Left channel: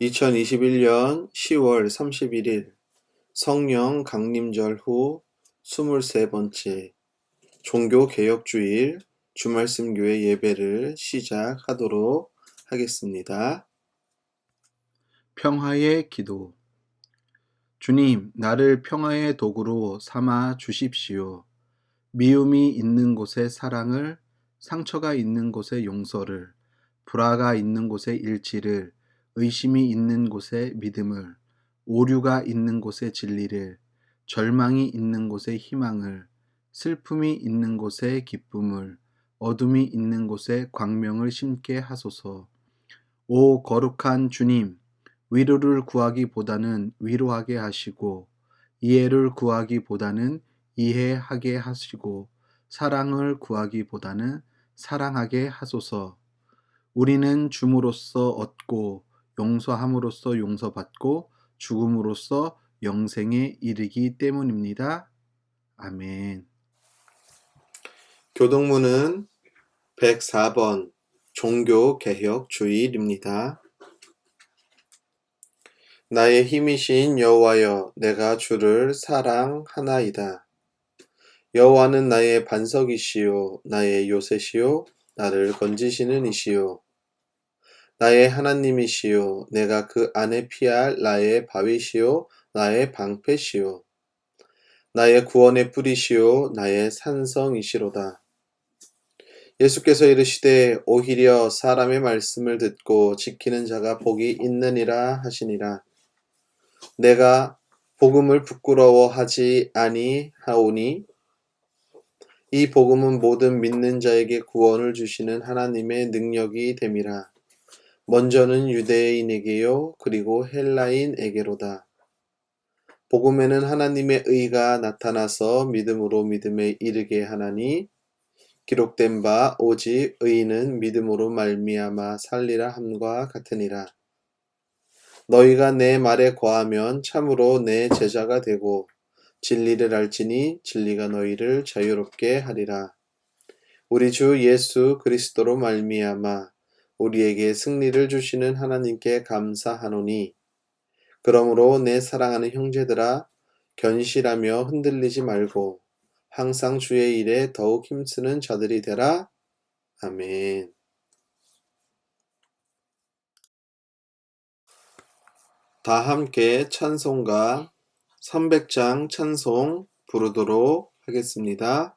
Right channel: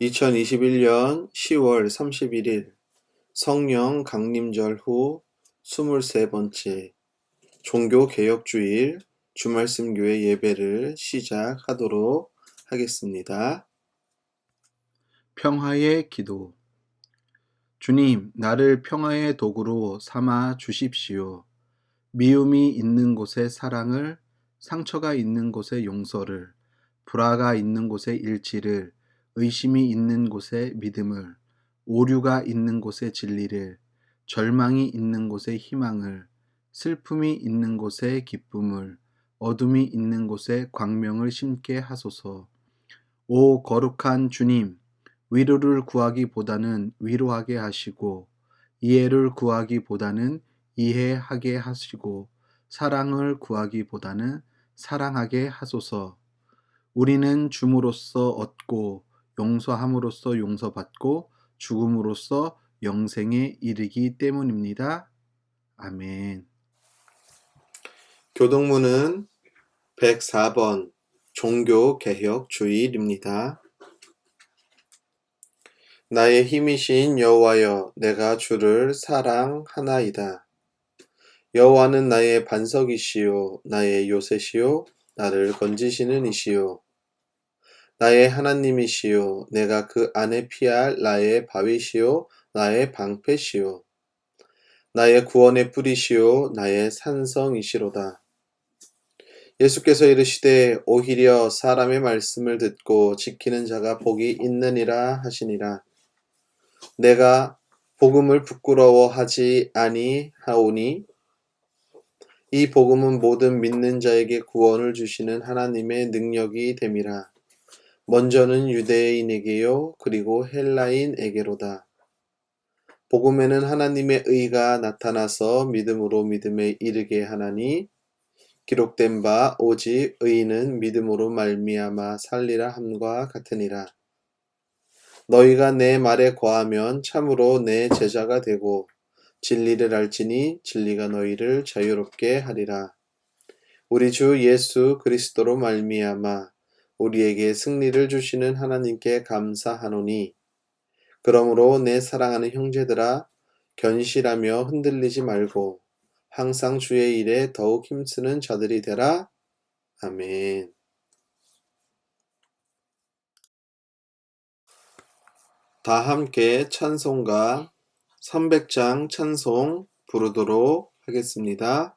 2021년 10월 31일 성령 강림절 후 23번째 종교개혁주일 주말씀교회 예배를 시작하도록 하겠습니다. 평화의 기도. 주님, 나를 평화의 도구로 삼아 주십시오. 미움이 있는 곳에 사랑을, 상처가 있는 곳에 용서를, 불화가 있는 곳에 일치를, 의심이 있는 곳에 믿음을, 오류가 있는 곳에 진리를, 절망이 있는 곳에 희망을, 슬픔이 있는 곳에 기쁨을, 어둠이 있는 곳에 광명을 심게 하소서. 오 거룩한 주님, 위로를 구하기보다는 위로하게 하시고, 이해를 구하기보다는 이해하게 하시고, 사랑을 구하기보다는 사랑하게 하소서. 우리는 줌으로써 얻고, 용서함으로써 용서받고, 죽음으로써 영생에 이르기 때문입니다. 아멘. 교동문은 104번 종교개혁주일입니다. 나의 힘이신 여호와여, 내가 주를 사랑하나이다. 여호와는 나의 반석이시요 나의 요새시요 나를 건지시는 이시요 나의 하나님이시요 내가 그 안에 피할 나의 바위시요 나의 방패시요 나의 구원의 뿌리시요 나의 산성이시로다. 예수께서 이르시되 오히려 사람의 말씀을 듣고 지키는 자가 복이 있느니라 하시니라. 내가 복음을 부끄러워하지 아니하오니 이 복음은 모든 믿는 자에게 구원을 주시는 하나님의 능력이 됨이라. 먼저는 유대인에게요 그리고 헬라인에게로다. 복음에는 하나님의 의가 나타나서 믿음으로 믿음에 이르게 하나니 기록된 바 오직 의인은 믿음으로 말미암아 살리라 함과 같으니라. 너희가 내 말에 거하면 참으로 내 제자가 되고 진리를 알지니 진리가 너희를 자유롭게 하리라. 우리 주 예수 그리스도로 말미암아 우리에게 승리를 주시는 하나님께 감사하노니 그러므로 내 사랑하는 형제들아 견실하며 흔들리지 말고 항상 주의 일에 더욱 힘쓰는 자들이 되라. 아멘. 다 함께 찬송가 300장 찬송 부르도록 하겠습니다.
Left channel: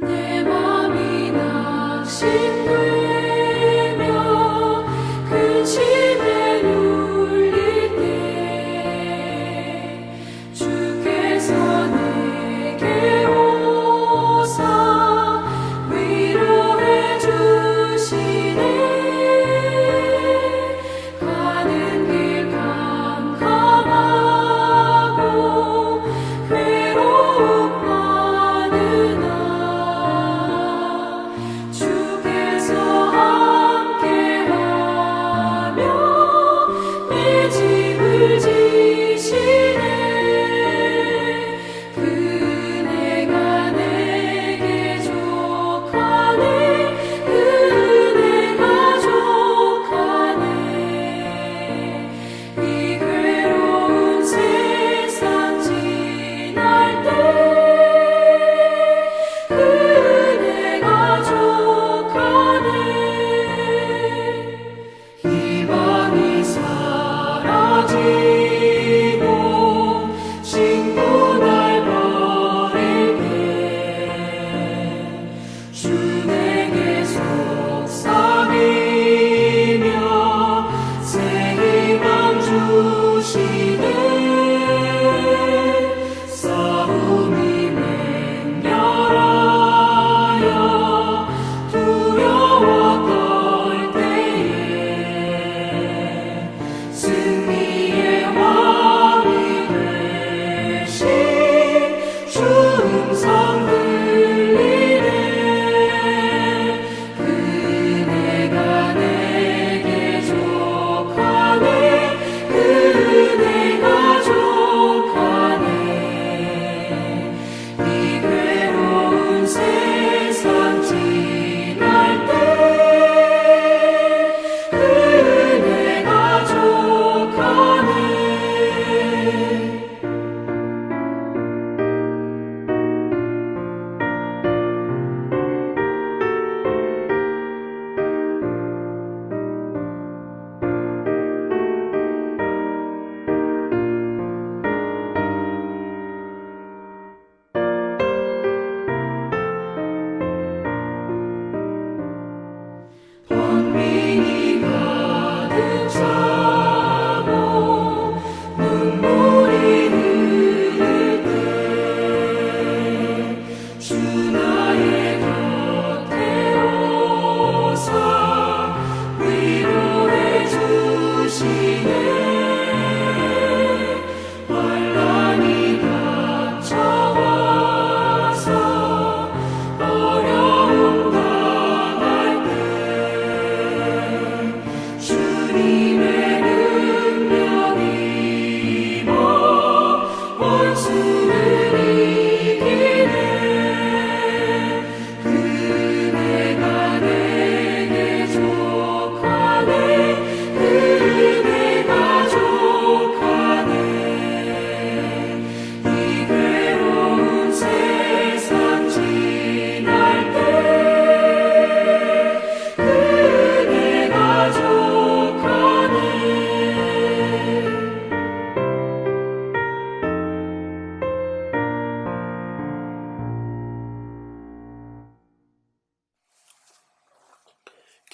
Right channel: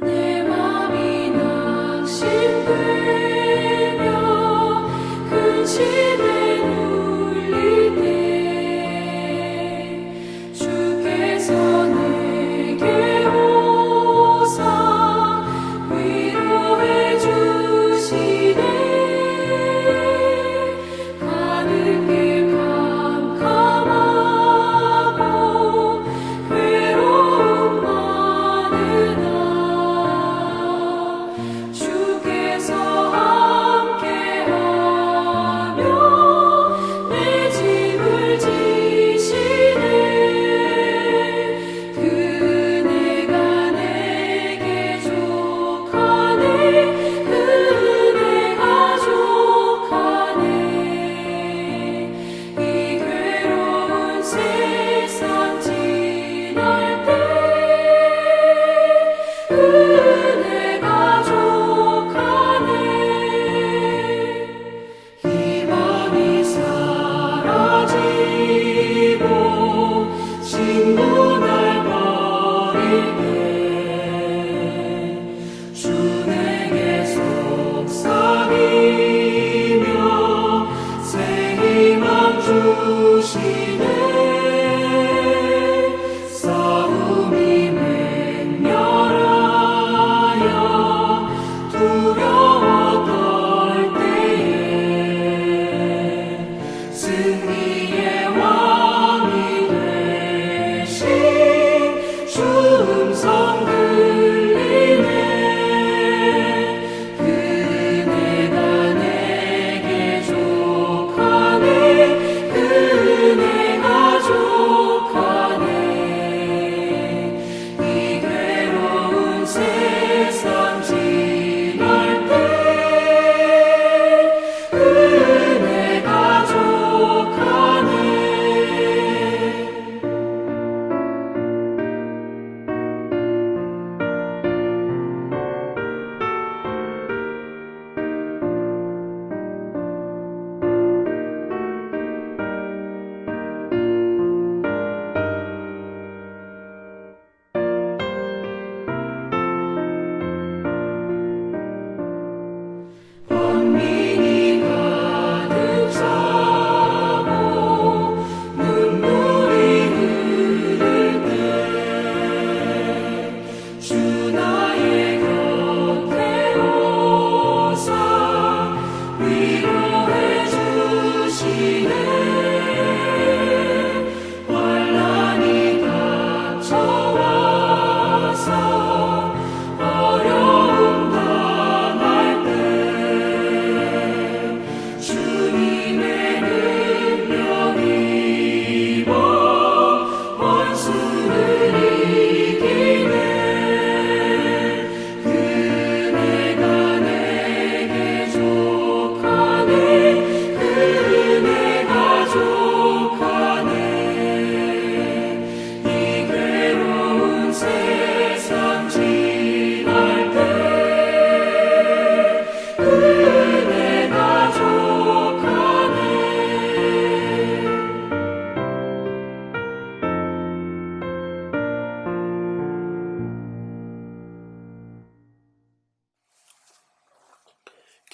내 맘이 낙심되며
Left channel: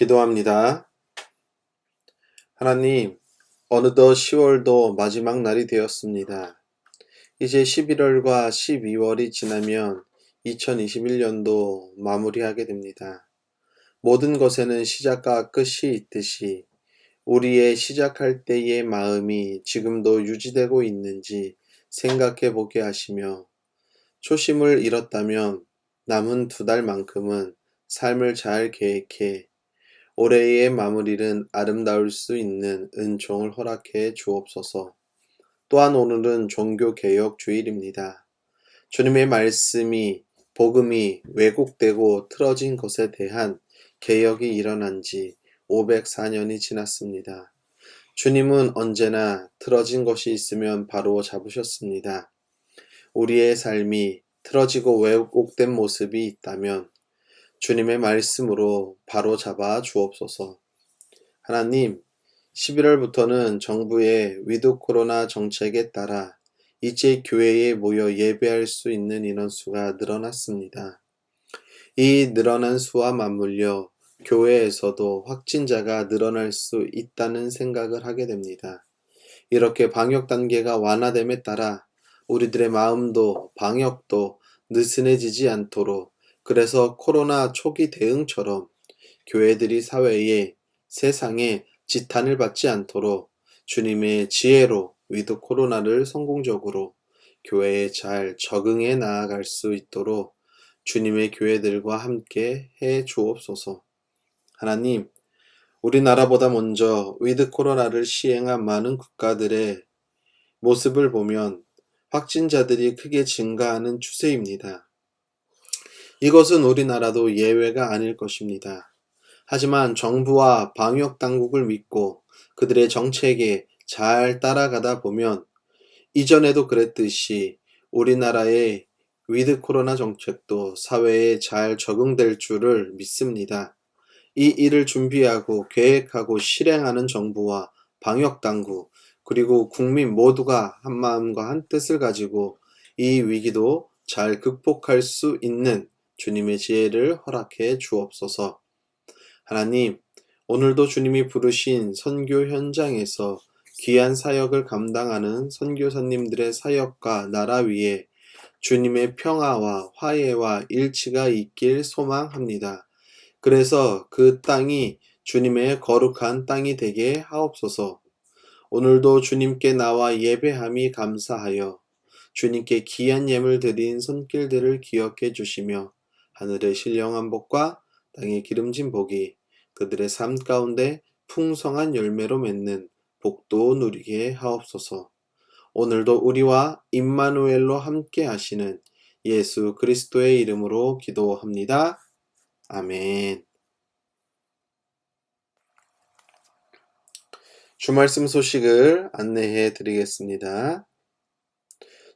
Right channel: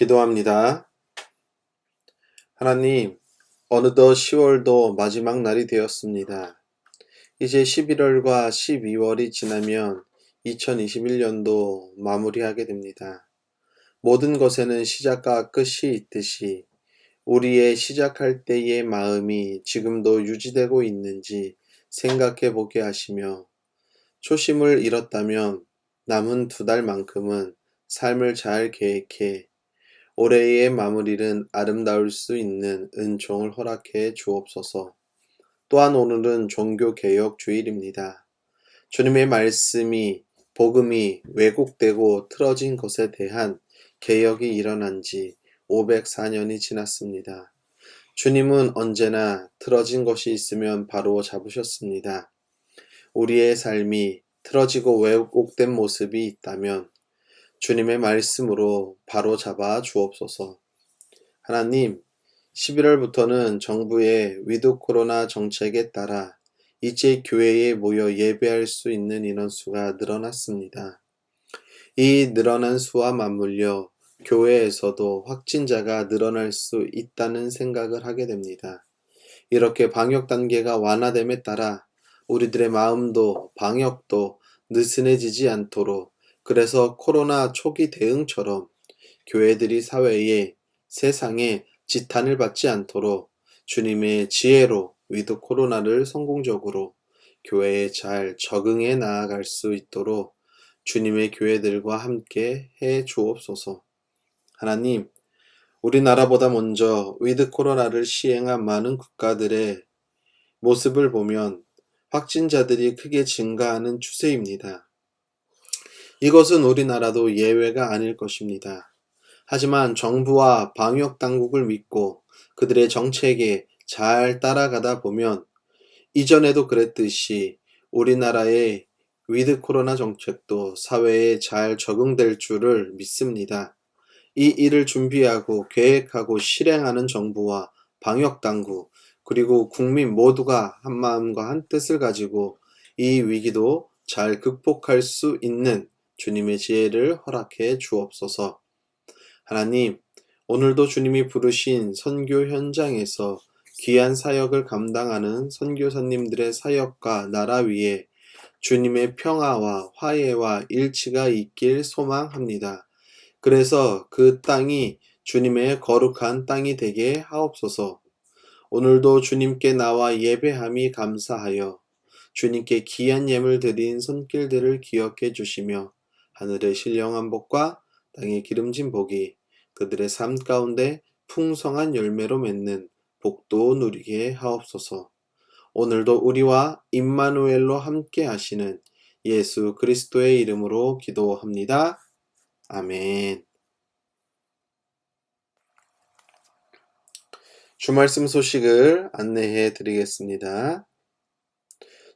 기도합니다. 하나님, 어느덧 10월도 마지막 날이 되었습니다. 이제 11월과 12월이 지나면 2021년도 마무리하게 됩니다. 모든 것에는 시작과 끝이 있듯이 우리의 시작할 때의 마음이 지금도 유지되고 있는지 생각해 보게 하시며, 초심을 잃었다면 남은 2달만큼은 삶을 잘 계획해 올해의 마무리는 아름다울 수 있는 은총을 허락해 주옵소서. 또한 오늘은 종교개혁 주일입니다. 주님의 말씀이, 복음이 왜곡되고 틀어진 것에 대한 개혁이 일어난 지 504년이 지났습니다. 주님은 언제나 틀어진 것이 있으면 바로 잡으셨습니다. 우리의 삶이 틀어지고 왜곡된 모습이 있다면 주님의 말씀으로 바로 잡아 주옵소서. 하나님, 11월부터는 정부의 위드 코로나 정책에 따라 이제 교회에 모여 예배할 수 있는 인원수가 늘어났습니다. 이 늘어난 수와 맞물려 교회에서도 확진자가 늘어날 수 있다는 생각을 하게 됩니다. 이렇게 방역 단계가 완화됨에 따라 우리들의 마음도 방역도 느슨해지지 않도록, 그래서 코로나 초기 대응처럼 교회들이 사회에, 세상에 지탄을 받지 않도록 주님의 지혜로 위드 코로나를 성공적으로 교회에 잘 적응해 나아갈 수 있도록 주님의 교회들과 함께 해 주옵소서. 하나님, 우리나라보다 먼저 위드 코로나를 시행한 많은 국가들의 모습을 보면 확진자들이 크게 증가하는 추세입니다. 이것은 우리나라도 예외가 아닐 것입니다. 하지만 정부와 방역 당국을 믿고 그들의 정책에 잘 따라가다 보면 이전에도 그랬듯이 우리나라의 위드 코로나 정책도 사회에 잘 적응될 줄을 믿습니다. 이 일을 준비하고 계획하고 실행하는 정부와 방역 당국, 그리고 국민 모두가 한마음과 한뜻을 가지고 이 위기도 잘 극복할 수 있는 주님의 지혜를 허락해 주옵소서. 하나님, 오늘도 주님이 부르신 선교 현장에서 귀한 사역을 감당하는 선교사님들의 사역과 나라 위에 주님의 평화와 화해와 일치가 있길 소망합니다. 그래서 그 땅이 주님의 거룩한 땅이 되게 하옵소서. 오늘도 주님께 나와 예배함이 감사하여 주님께 귀한 예물 드린 손길들을 기억해 주시며 하늘의 신령한 복과 땅의 기름진 복이 그들의 삶 가운데 풍성한 열매로 맺는 복도 누리게 하옵소서. 오늘도 우리와 임마누엘로 함께 하시는 예수 그리스도의 이름으로 기도합니다. 아멘. 주말씀 소식을 안내해 드리겠습니다.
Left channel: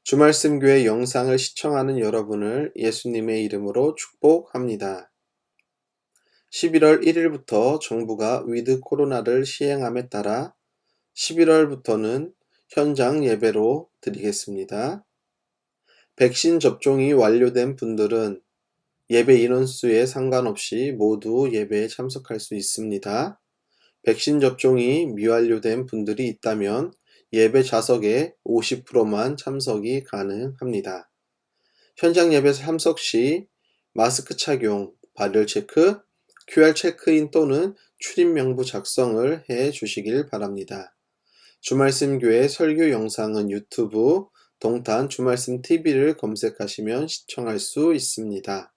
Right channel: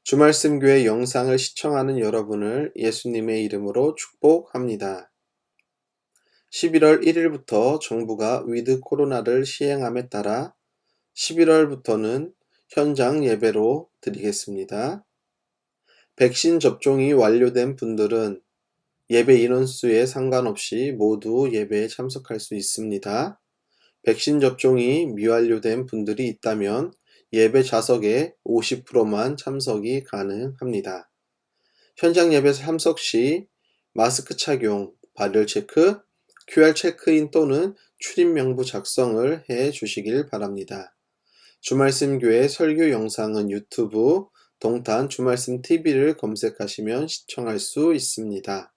주말씀 교회 영상을 시청하는 여러분을 예수님의 이름으로 축복합니다. 11월 1일부터 정부가 위드 코로나를 시행함에 따라 11월부터는 현장 예배로 드리겠습니다. 백신 접종이 완료된 분들은 예배 인원수에 상관없이 모두 예배에 참석할 수 있습니다. 백신 접종이 미완료된 분들이 있다면 예배 좌석의 50%만 참석이 가능합니다. 현장 예배 참석 시 마스크 착용, 발열 체크, QR 체크인 또는 출입 명부 작성을 해 주시길 바랍니다. 주말씀 교회 설교 영상은 유튜브 동탄 주말씀 TV를 검색하시면 시청할 수 있습니다.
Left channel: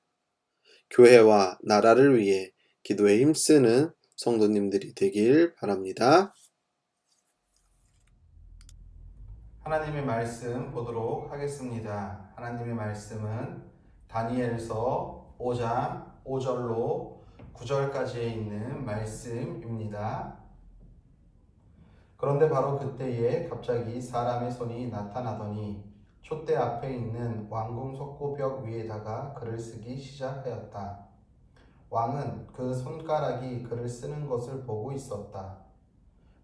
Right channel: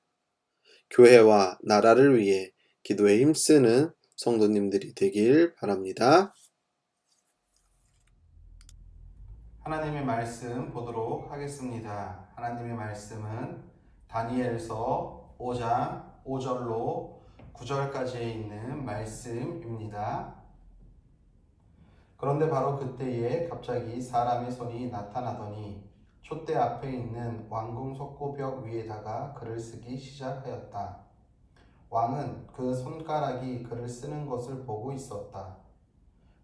교회와 나라를 위해 기도에 힘쓰는 성도님들이 되길 바랍니다. 하나님의 말씀 보도록 하겠습니다. 하나님의 말씀은 다니엘서 5장 5절로 9절까지에 있는 말씀입니다. 그런데 바로 그때에 갑자기 사람의 손이 나타나더니 촛대 앞에 있는 왕궁 석고벽 위에다가 글을 쓰기 시작하였다. 왕은 그 손가락이 글을 쓰는 것을 보고 있었다.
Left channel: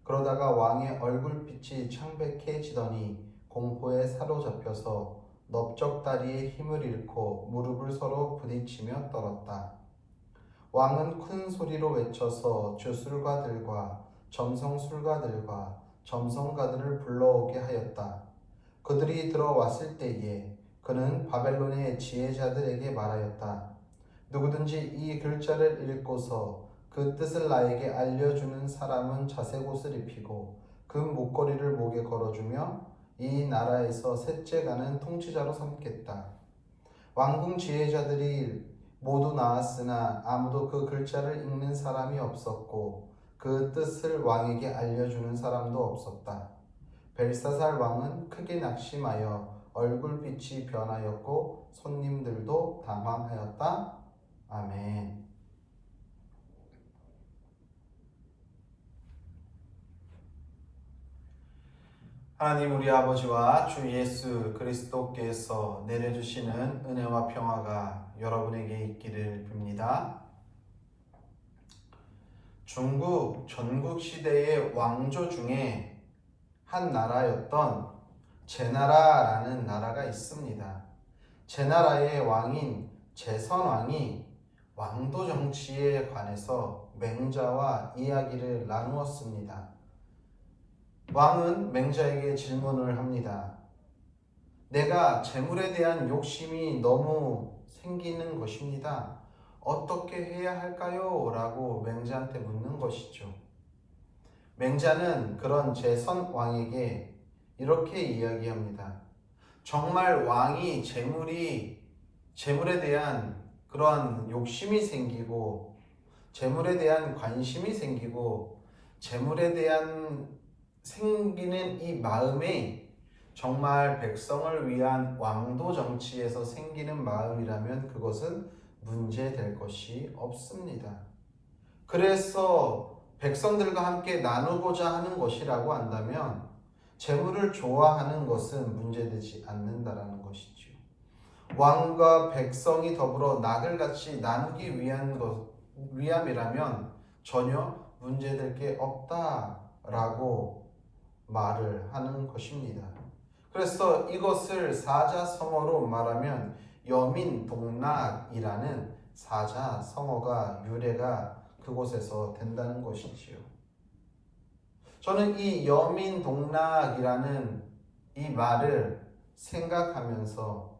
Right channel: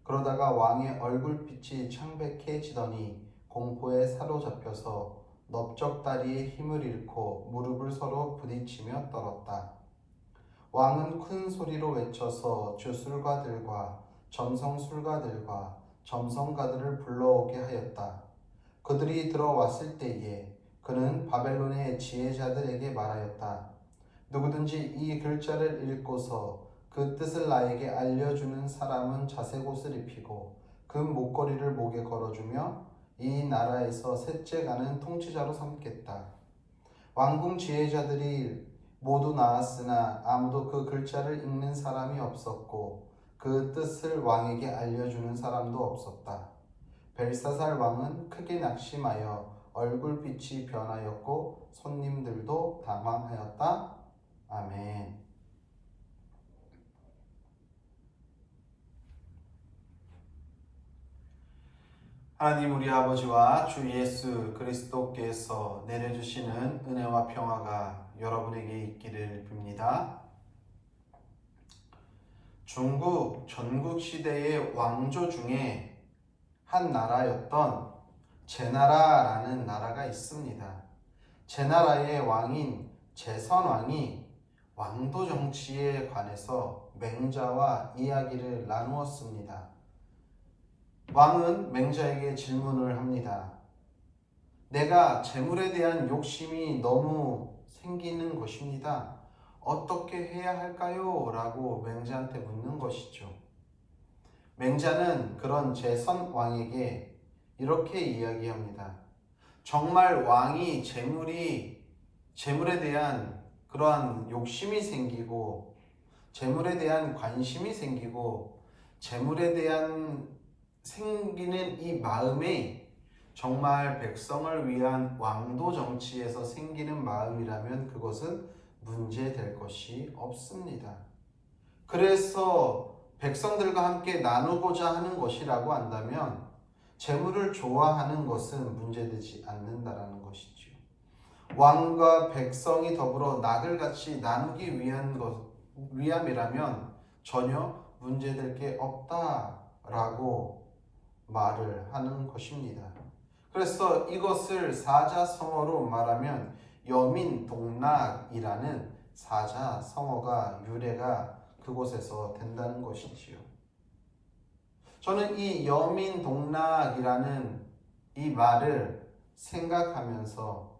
그러다가 왕의 얼굴빛이 창백해지더니 공포에 사로잡혀서 넓적다리의 힘을 잃고 무릎을 서로 부딪히며 떨었다. 왕은 큰 소리로 외쳐서 주술가들과 점성술가들과 점성가들을 불러오게 하였다. 그들이 들어왔을 때에 그는 바벨론의 지혜자들에게 말하였다. 누구든지 이 글자를 읽고서 그 뜻을 나에게 알려주는 사람은 자색 옷을 입히고 그 목걸이를 목에 걸어주며 이 나라에서 셋째 가는 통치자로 삼겠다. 왕궁 지혜자들이 모두 나왔으나 아무도 그 글자를 읽는 사람이 없었고 그 뜻을 왕에게 알려주는 사람도 없었다. 벨사살 왕은 크게 낙심하여 얼굴빛이 변하였고 손님들도 당황하였다. 아멘. 하나님 우리 아버지와 주 예수 그리스도께서 내려주시는 은혜와 평화가 여러분에게 있기를 빕니다. 중국 전국시대의 왕조 중에 한 나라였던 제나라라는 나라가 있습니다. 제나라의 왕인 제선왕이 왕도 정치에 관해서 맹자와 이야기를 나누었습니다. 왕은 맹자에게 질문을 합니다. 내가 재물에 대한 욕심이 너무 생기는 것입니다. 어떻게 해야 할까요? 라고 맹자한테 묻는 것이죠. 맹자는 그런 제선왕에게 이렇게 이야기합니다. 정말 왕이 재물에 대한 그러한 욕심이 생기고 재물에 대한 관심이 생기고 재물에 대한 생기는 이 마음이 정말 백성을 위한 왕도 정치에서 생기는 마음이라면 그것은 문제될 것이 없습니다. 그래서 백성들과 함께 나누고자 하는 것이라고 한다면 재물을 좋아하는 것은 문제되지 않는다라는 것이죠. 왕과 백성이 더불어 낙을같이 나누기 위함이라면 전혀 문제될 게 없다라고 말을 하는 것입니다. 그래서 이것을 사자성어로 말하면 여민동락이라는 사자성어가 유래가 그곳에서 된다는 것이지요. 저는 이 여민동락이라는 이 말을 생각하면서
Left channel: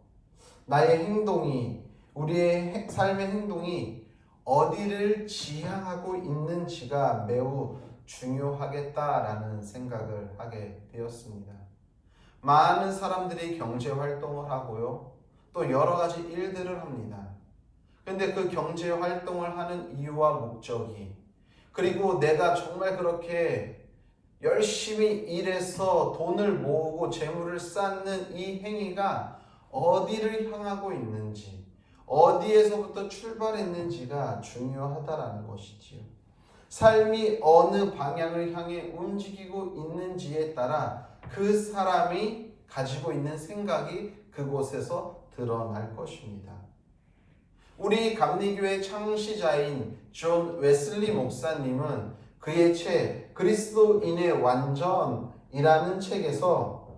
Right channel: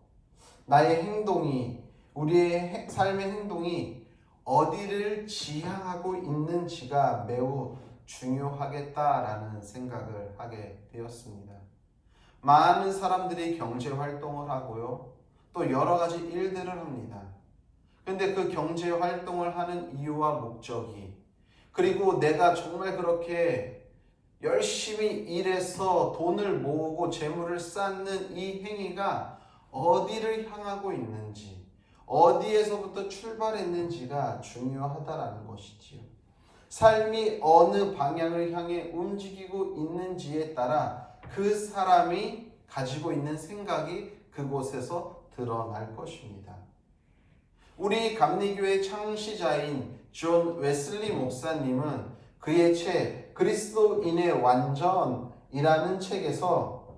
나의 행동이, 우리의 삶의 행동이 어디를 지향하고 있는지가 매우 중요하겠다라는 생각을 하게 되었습니다. 많은 사람들이 경제 활동을 하고요. 또 여러 가지 일들을 합니다. 그런데 그 경제 활동을 하는 이유와 목적이, 그리고 내가 정말 그렇게 열심히 일해서 돈을 모으고 재물을 쌓는 이 행위가 어디를 향하고 있는지, 어디에서부터 출발했는지가 중요하다라는 것이지요. 삶이 어느 방향을 향해 움직이고 있는지에 따라 그 사람이 가지고 있는 생각이 그곳에서 드러날 것입니다. 우리 감리교회 창시자인 존 웨슬리 목사님은 그의 책 그리스도인의 완전이라는 책에서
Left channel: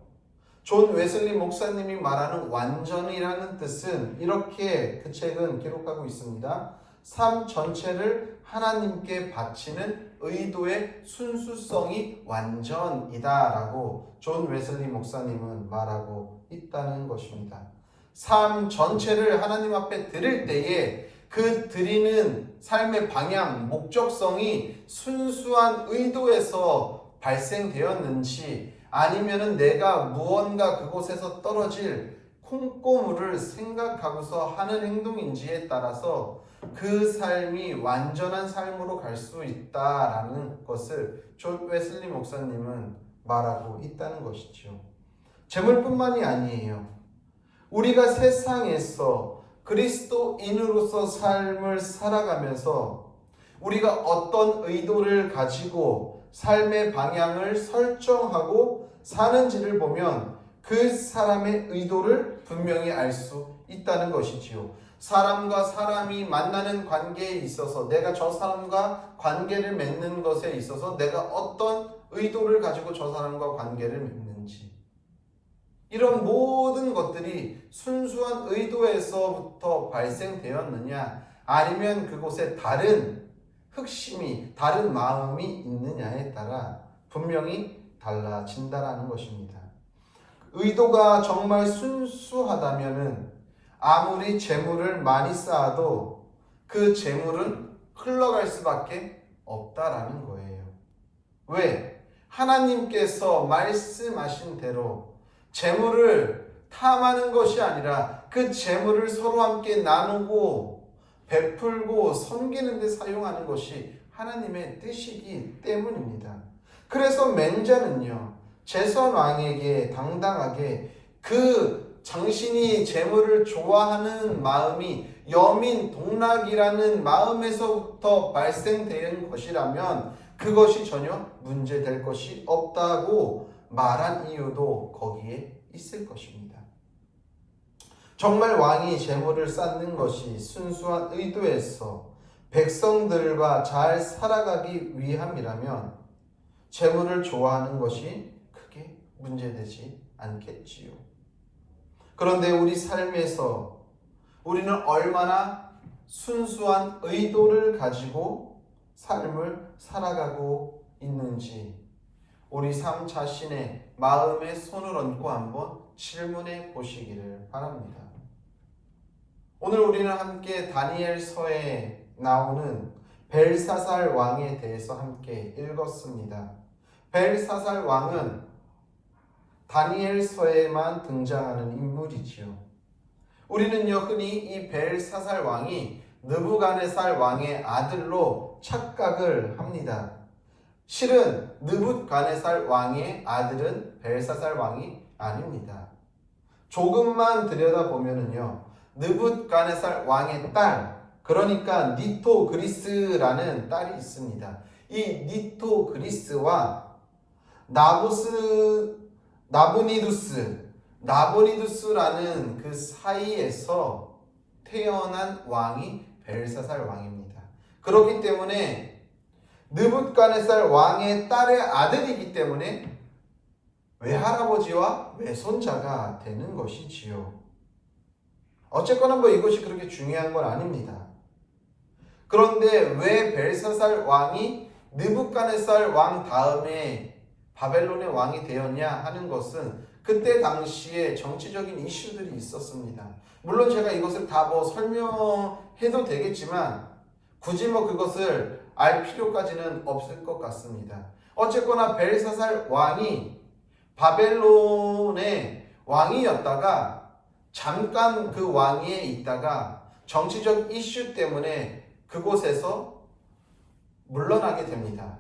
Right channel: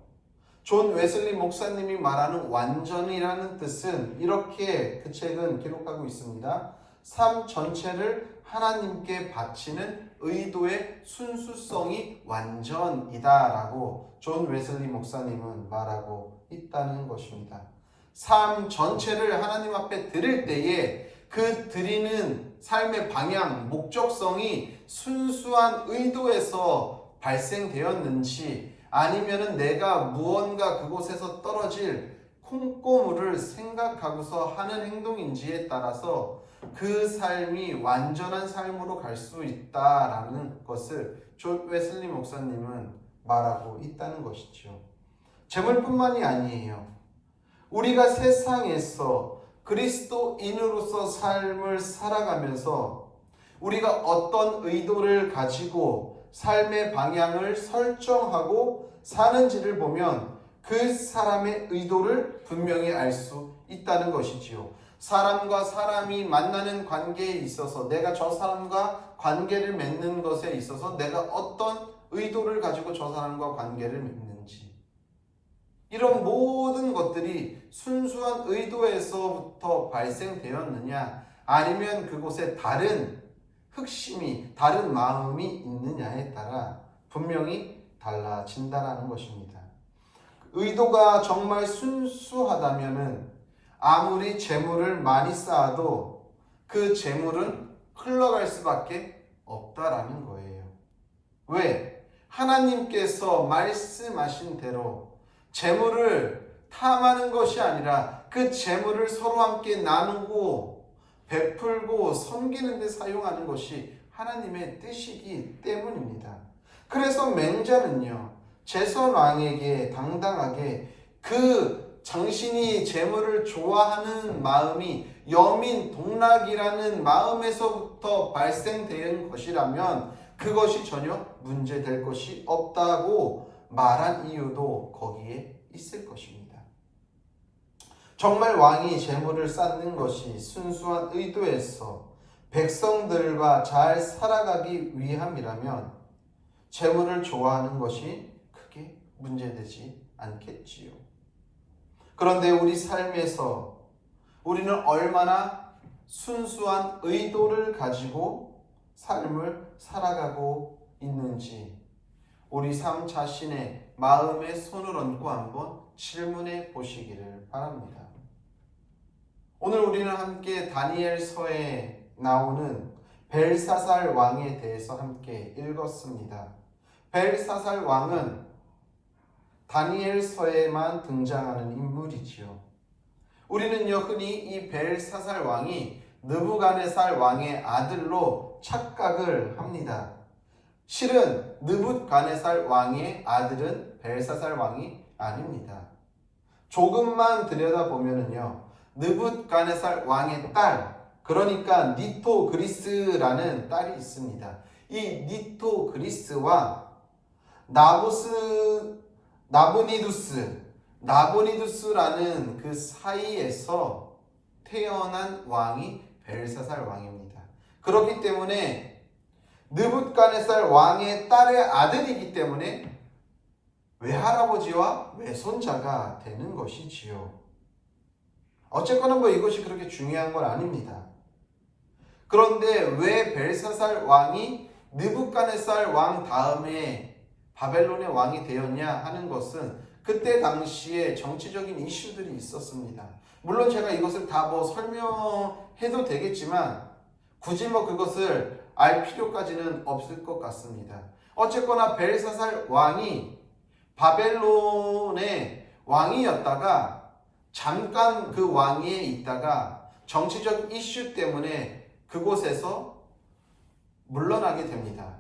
존 웨슬리 목사님이 말하는 완전이라는 뜻은 이렇게 그 책은 기록하고 있습니다. 삶 전체를 하나님께 바치는 의도의 순수성이 완전이다라고 존 웨슬리 목사님은 말하고 있다는 것입니다. 삶 전체를 하나님 앞에 드릴 때에 그 드리는 삶의 방향, 목적성이 순수한 의도에서 발생되었는지 아니면은 내가 무언가 그곳에서 떨어질 콩고물을 생각하고서 하는 행동인지에 따라서 그 삶이 완전한 삶으로 갈 수 있다라는 것을 존 웨슬리 목사님은 말하고 있다는 것이죠. 재물뿐만이 아니에요. 우리가 세상에서 그리스도인으로서 삶을 살아가면서 우리가 어떤 의도를 가지고 삶의 방향을 설정하고 사는지를 보면 그 사람의 의도를 분명히 알 수 있다는 것이지요. 사람과 사람이 만나는 관계에 있어서 내가 저 사람과 관계를 맺는 것에 있어서 내가 어떤 의도를 가지고 저 사람과 관계를 맺는지, 이런 모든 것들이 순수한 의도에서부터 발생되었느냐 아니면 그곳에 다른 흑심이, 다른 마음이 있느냐에 따라 분명히 달라진다라는 것입니다. 의도가 정말 순수하다면은 아무리 재물을 많이 쌓아도 그 재물은 흘러갈 수밖에 없다라는 거예요. 왜? 하나님께서 말씀하신 대로 재물을 탐하는 것이 아니라 그 재물을 서로 함께 나누고 베풀고 섬기는 데 사용하는 것이 하나님의 뜻이기 때문입니다. 그래서 맹자는요, 제선 왕에게 당당하게 그 당신이 재물을 좋아하는 마음이 여민 동락이라는 마음에서부터 발생된 것이라면 그것이 전혀 문제될 것이 없다고 말한 이유도 거기에 있을 것입니다. 정말 왕이 재물을 쌓는 것이 순수한 의도에서 백성들과 잘 살아가기 위함이라면 재물을 좋아하는 것이 크게 문제되지 않겠지요. 그런데 우리 삶에서 우리는 얼마나 순수한 의도를 가지고 삶을 살아가고 있는지 우리 삶 자신의 마음에 손을 얹고 한번 질문해 보시기를 바랍니다. 오늘 우리는 함께 다니엘서에 나오는 벨사살 왕에 대해서 함께 읽었습니다. 벨사살 왕은 다니엘서에만 등장하는 인물이지요. 우리는요, 흔히 이 벨사살 왕이 느부갓네살 왕의 아들로 착각을 합니다. 실은 느부갓네살 왕의 아들은 벨사살 왕이 아닙니다. 조금만 들여다보면은요, 느부갓네살 왕의 딸, 그러니까 니토그리스라는 딸이 있습니다. 이 니토그리스와 나보니두스라는 그 사이에서 태어난 왕이 벨사살 왕입니다. 그렇기 때문에 느부갓네살 왕의 딸의 아들이기 때문에 외할아버지와 외손자가 되는 것이지요. 어쨌거나 이것이 그렇게 중요한 건 아닙니다. 그런데 왜 벨사살 왕이 느부갓네살 왕 다음에 바벨론의 왕이 되었냐 하는 것은 그때 당시에 정치적인 이슈들이 있었습니다. 물론 제가 이것을 다 설명해도 되겠지만 굳이 그것을 알 필요까지는 없을 것 같습니다. 어쨌거나 벨사살 왕이 바벨론의 왕이었다가 잠깐 그 왕위에 있다가 정치적 이슈 때문에 그곳에서 물러나게 됩니다.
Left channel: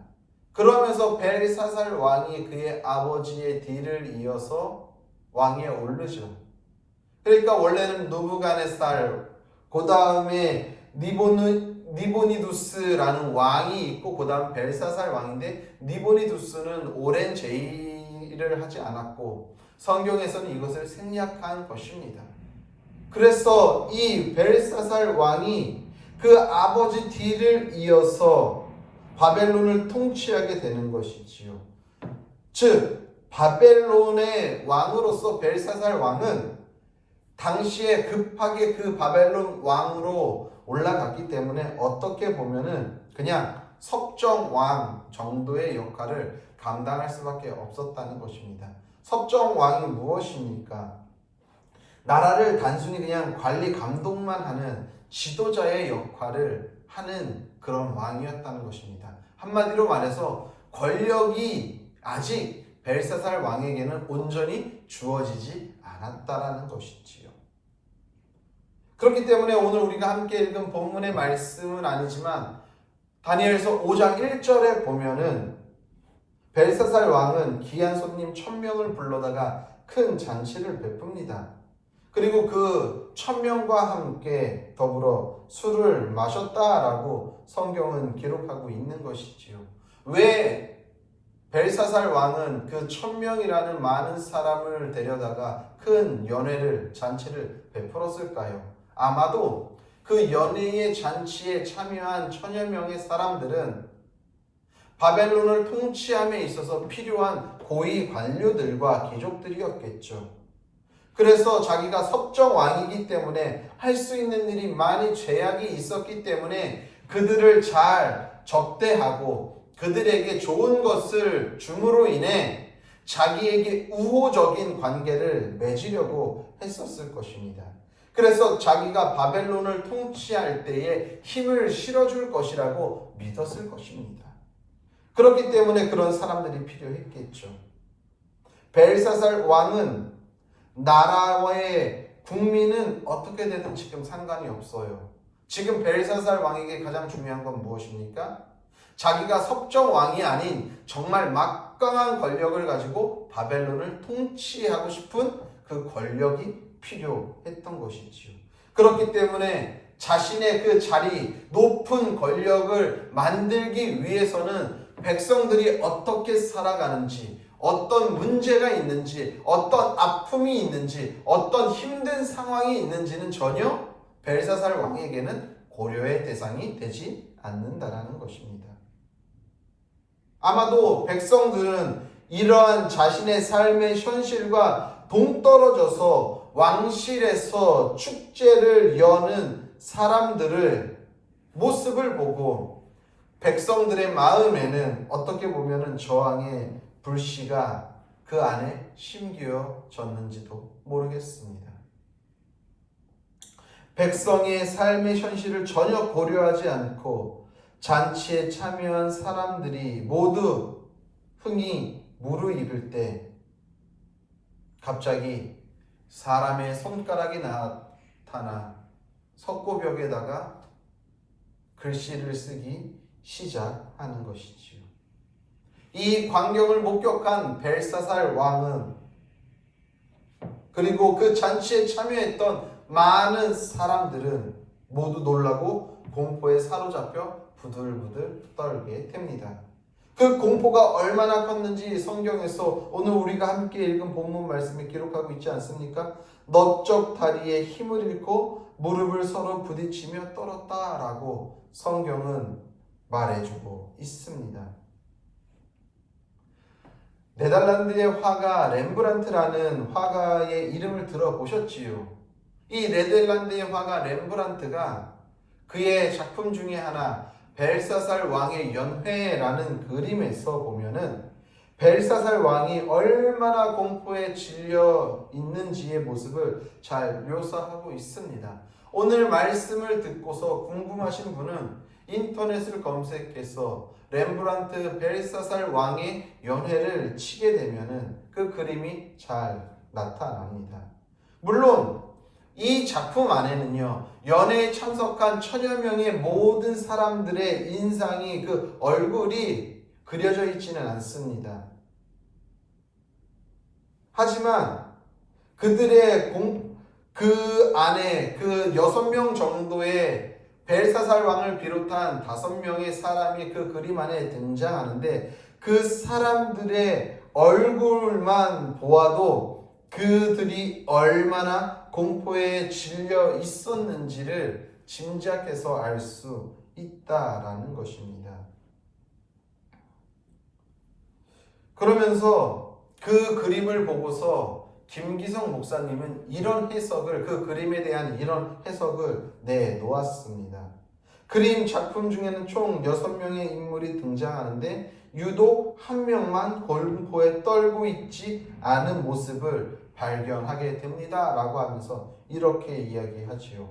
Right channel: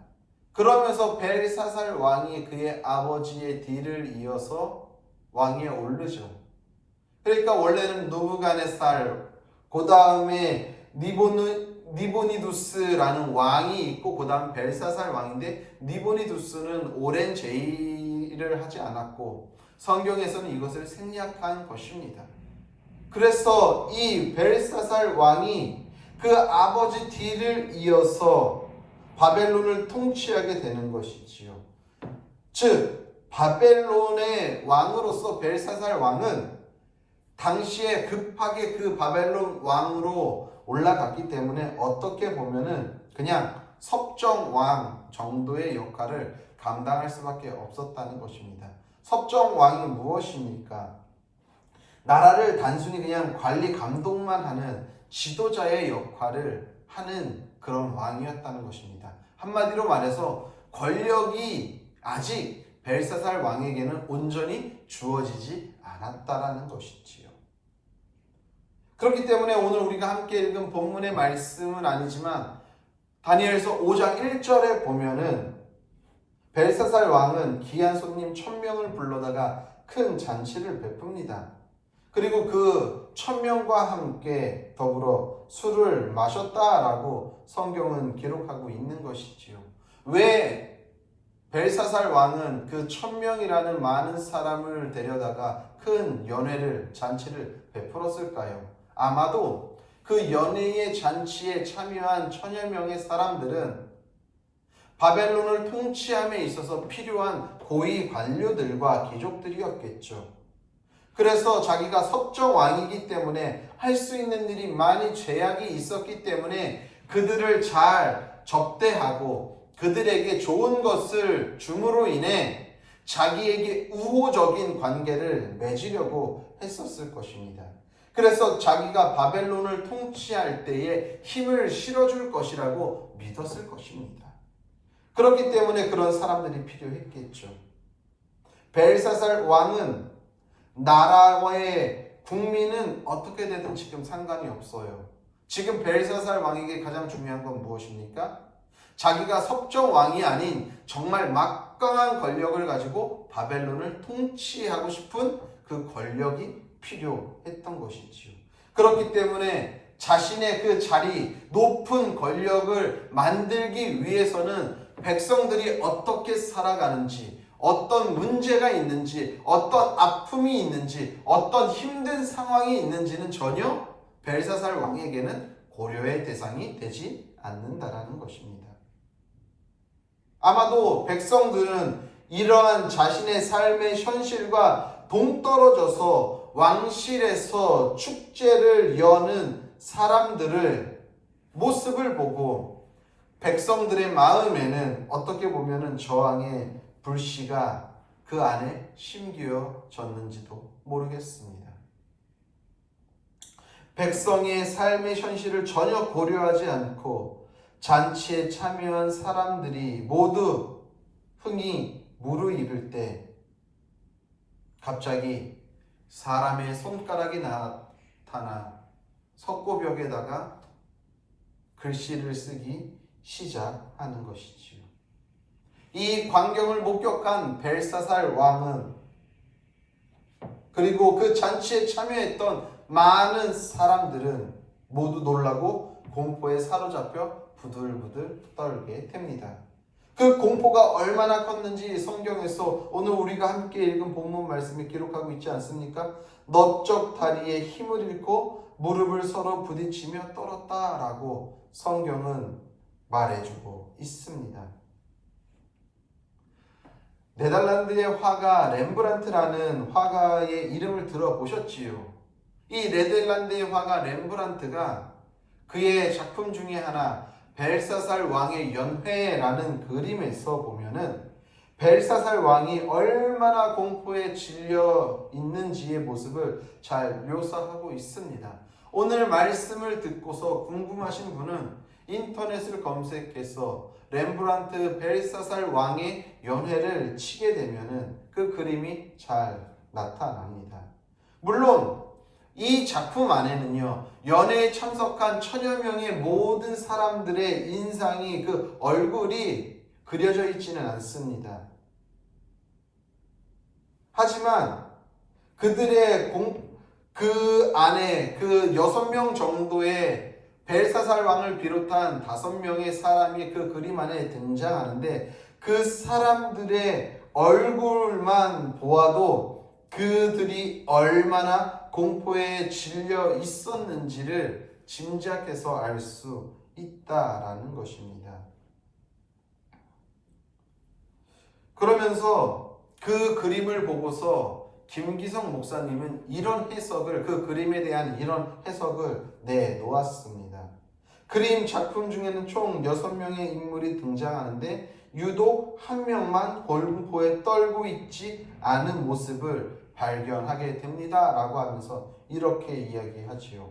그러면서 벨사살 왕이 그의 아버지의 뒤를 이어서 왕위에 오르죠. 그러니까 원래는 느부갓네살, 그 다음에 니보니두스라는 왕이 있고 그 다음 벨사살 왕인데 니보니두스는 오랜 제의를 하지 않았고 성경에서는 이것을 생략한 것입니다. 그래서 이 벨사살 왕이 그 아버지 뒤를 이어서 바벨론을 통치하게 되는 것이지요. 즉 바벨론의 왕으로서 벨사살 왕은 당시에 급하게 그 바벨론 왕으로 올라갔기 때문에 어떻게 보면은 그냥 섭정왕 정도의 역할을 감당할 수밖에 없었다는 것입니다. 섭정왕이 무엇입니까? 나라를 단순히 그냥 관리 감독만 하는 지도자의 역할을 하는 그런 왕이었다는 것입니다. 한마디로 말해서 권력이 아직 벨사살 왕에게는 온전히 주어지지 않았다라는 것이지요. 그렇기 때문에 오늘 우리가 함께 읽은 본문의 말씀은 아니지만 다니엘서 5장 1절에 보면은 벨사살 왕은 귀한 손님 1000명을 불러다가 큰 잔치를 베풉니다. 그리고 그 1000명과 함께 더불어 술을 마셨다라고 성경은 기록하고 있는 것이지요. 왜 벨사살 왕은 그 1000명이라는 많은 사람을 데려다가 큰 연회를, 잔치를 베풀었을까요? 아마도 그 연회의 잔치에 참여한 1000여 명의 사람들은 바벨론을 통치함에 있어서 필요한 고위 관료들과 귀족들이었겠죠. 그래서 자기가 섭정왕이기 때문에 할 수 있는 일이 많이 제약이 있었기 때문에 그들을 잘 접대하고 그들에게 좋은 것을 줌으로 인해 자기에게 우호적인 관계를 맺으려고 했었을 것입니다. 그래서 자기가 바벨론을 통치할 때에 힘을 실어줄 것이라고 믿었을 것입니다. 그렇기 때문에 그런 사람들이 필요했겠죠. 벨사살 왕은 나라와의 국민은 어떻게 되든 지금 상관이 없어요. 지금 벨사살 왕에게 가장 중요한 건 무엇입니까? 자기가 섭정왕이 아닌 정말 막강한 권력을 가지고 바벨론을 통치하고 싶은 그 권력이 필요했던 것이지요. 그렇기 때문에 자신의 그 자리, 높은 권력을 만들기 위해서는 백성들이 어떻게 살아가는지, 어떤 문제가 있는지, 어떤 아픔이 있는지, 어떤 힘든 상황이 있는지는 전혀 벨사살 왕에게는 고려의 대상이 되지 않는다라는 것입니다. 아마도 백성들은 이러한 자신의 삶의 현실과 동떨어져서 왕실에서 축제를 여는 사람들을 모습을 보고 백성들의 마음에는 어떻게 보면은 저항의 불씨가 그 안에 심겨졌는지도 모르겠습니다. 백성의 삶의 현실을 전혀 고려하지 않고 잔치에 참여한 사람들이 모두 흥이 무르익을 때 갑자기 사람의 손가락이 나타나 석고벽에다가 글씨를 쓰기 시작하는 것이지요. 이 광경을 목격한 벨사살 왕은 그리고 그 잔치에 참여했던 많은 사람들은 모두 놀라고 공포에 사로잡혀 부들부들 떨게 됩니다. 그 공포가 얼마나 컸는지 성경에서 오늘 우리가 함께 읽은 본문 말씀에 기록하고 있지 않습니까? 너쪽 다리에 힘을 잃고 무릎을 서로 부딪히며 떨었다라고 성경은 말해주고 있습니다. 네덜란드의 화가 렘브란트라는 화가의 이름을 들어보셨지요? 이 네덜란드의 화가 렘브란트가 그의 작품 중에 하나 벨사살 왕의 연회라는 그림에서 보면은 벨사살 왕이 얼마나 공포에 질려 있는지의 모습을 잘 묘사하고 있습니다. 오늘 말씀을 듣고서 궁금하신 분은 인터넷을 검색해서 렘브란트 벨사살 왕의 연회를 치게 되면은 그 그림이 잘 나타납니다. 물론 이 작품 안에는요, 연회에 참석한 천여 명의 모든 사람들의 인상이 그 얼굴이 그려져 있지는 않습니다. 하지만 그들의 그 안에 그 6명 정도의 벨사살 왕을 비롯한 5명의 사람이 그 그림 안에 등장하는데 그 사람들의 얼굴만 보아도 그들이 얼마나 공포에 질려 있었는지를 짐작해서 알 수 있다라는 것입니다. 그러면서 그 그림을 보고서 김기성 목사님은 이런 해석을, 그 그림에 대한 이런 해석을 내놓았습니다. 그림 작품 중에는 총 6명의 인물이 등장하는데 유독 한 명만 공포에 떨고 있지 않은 모습을 발견하게 됩니다. 라고 하면서 이렇게 이야기하지요.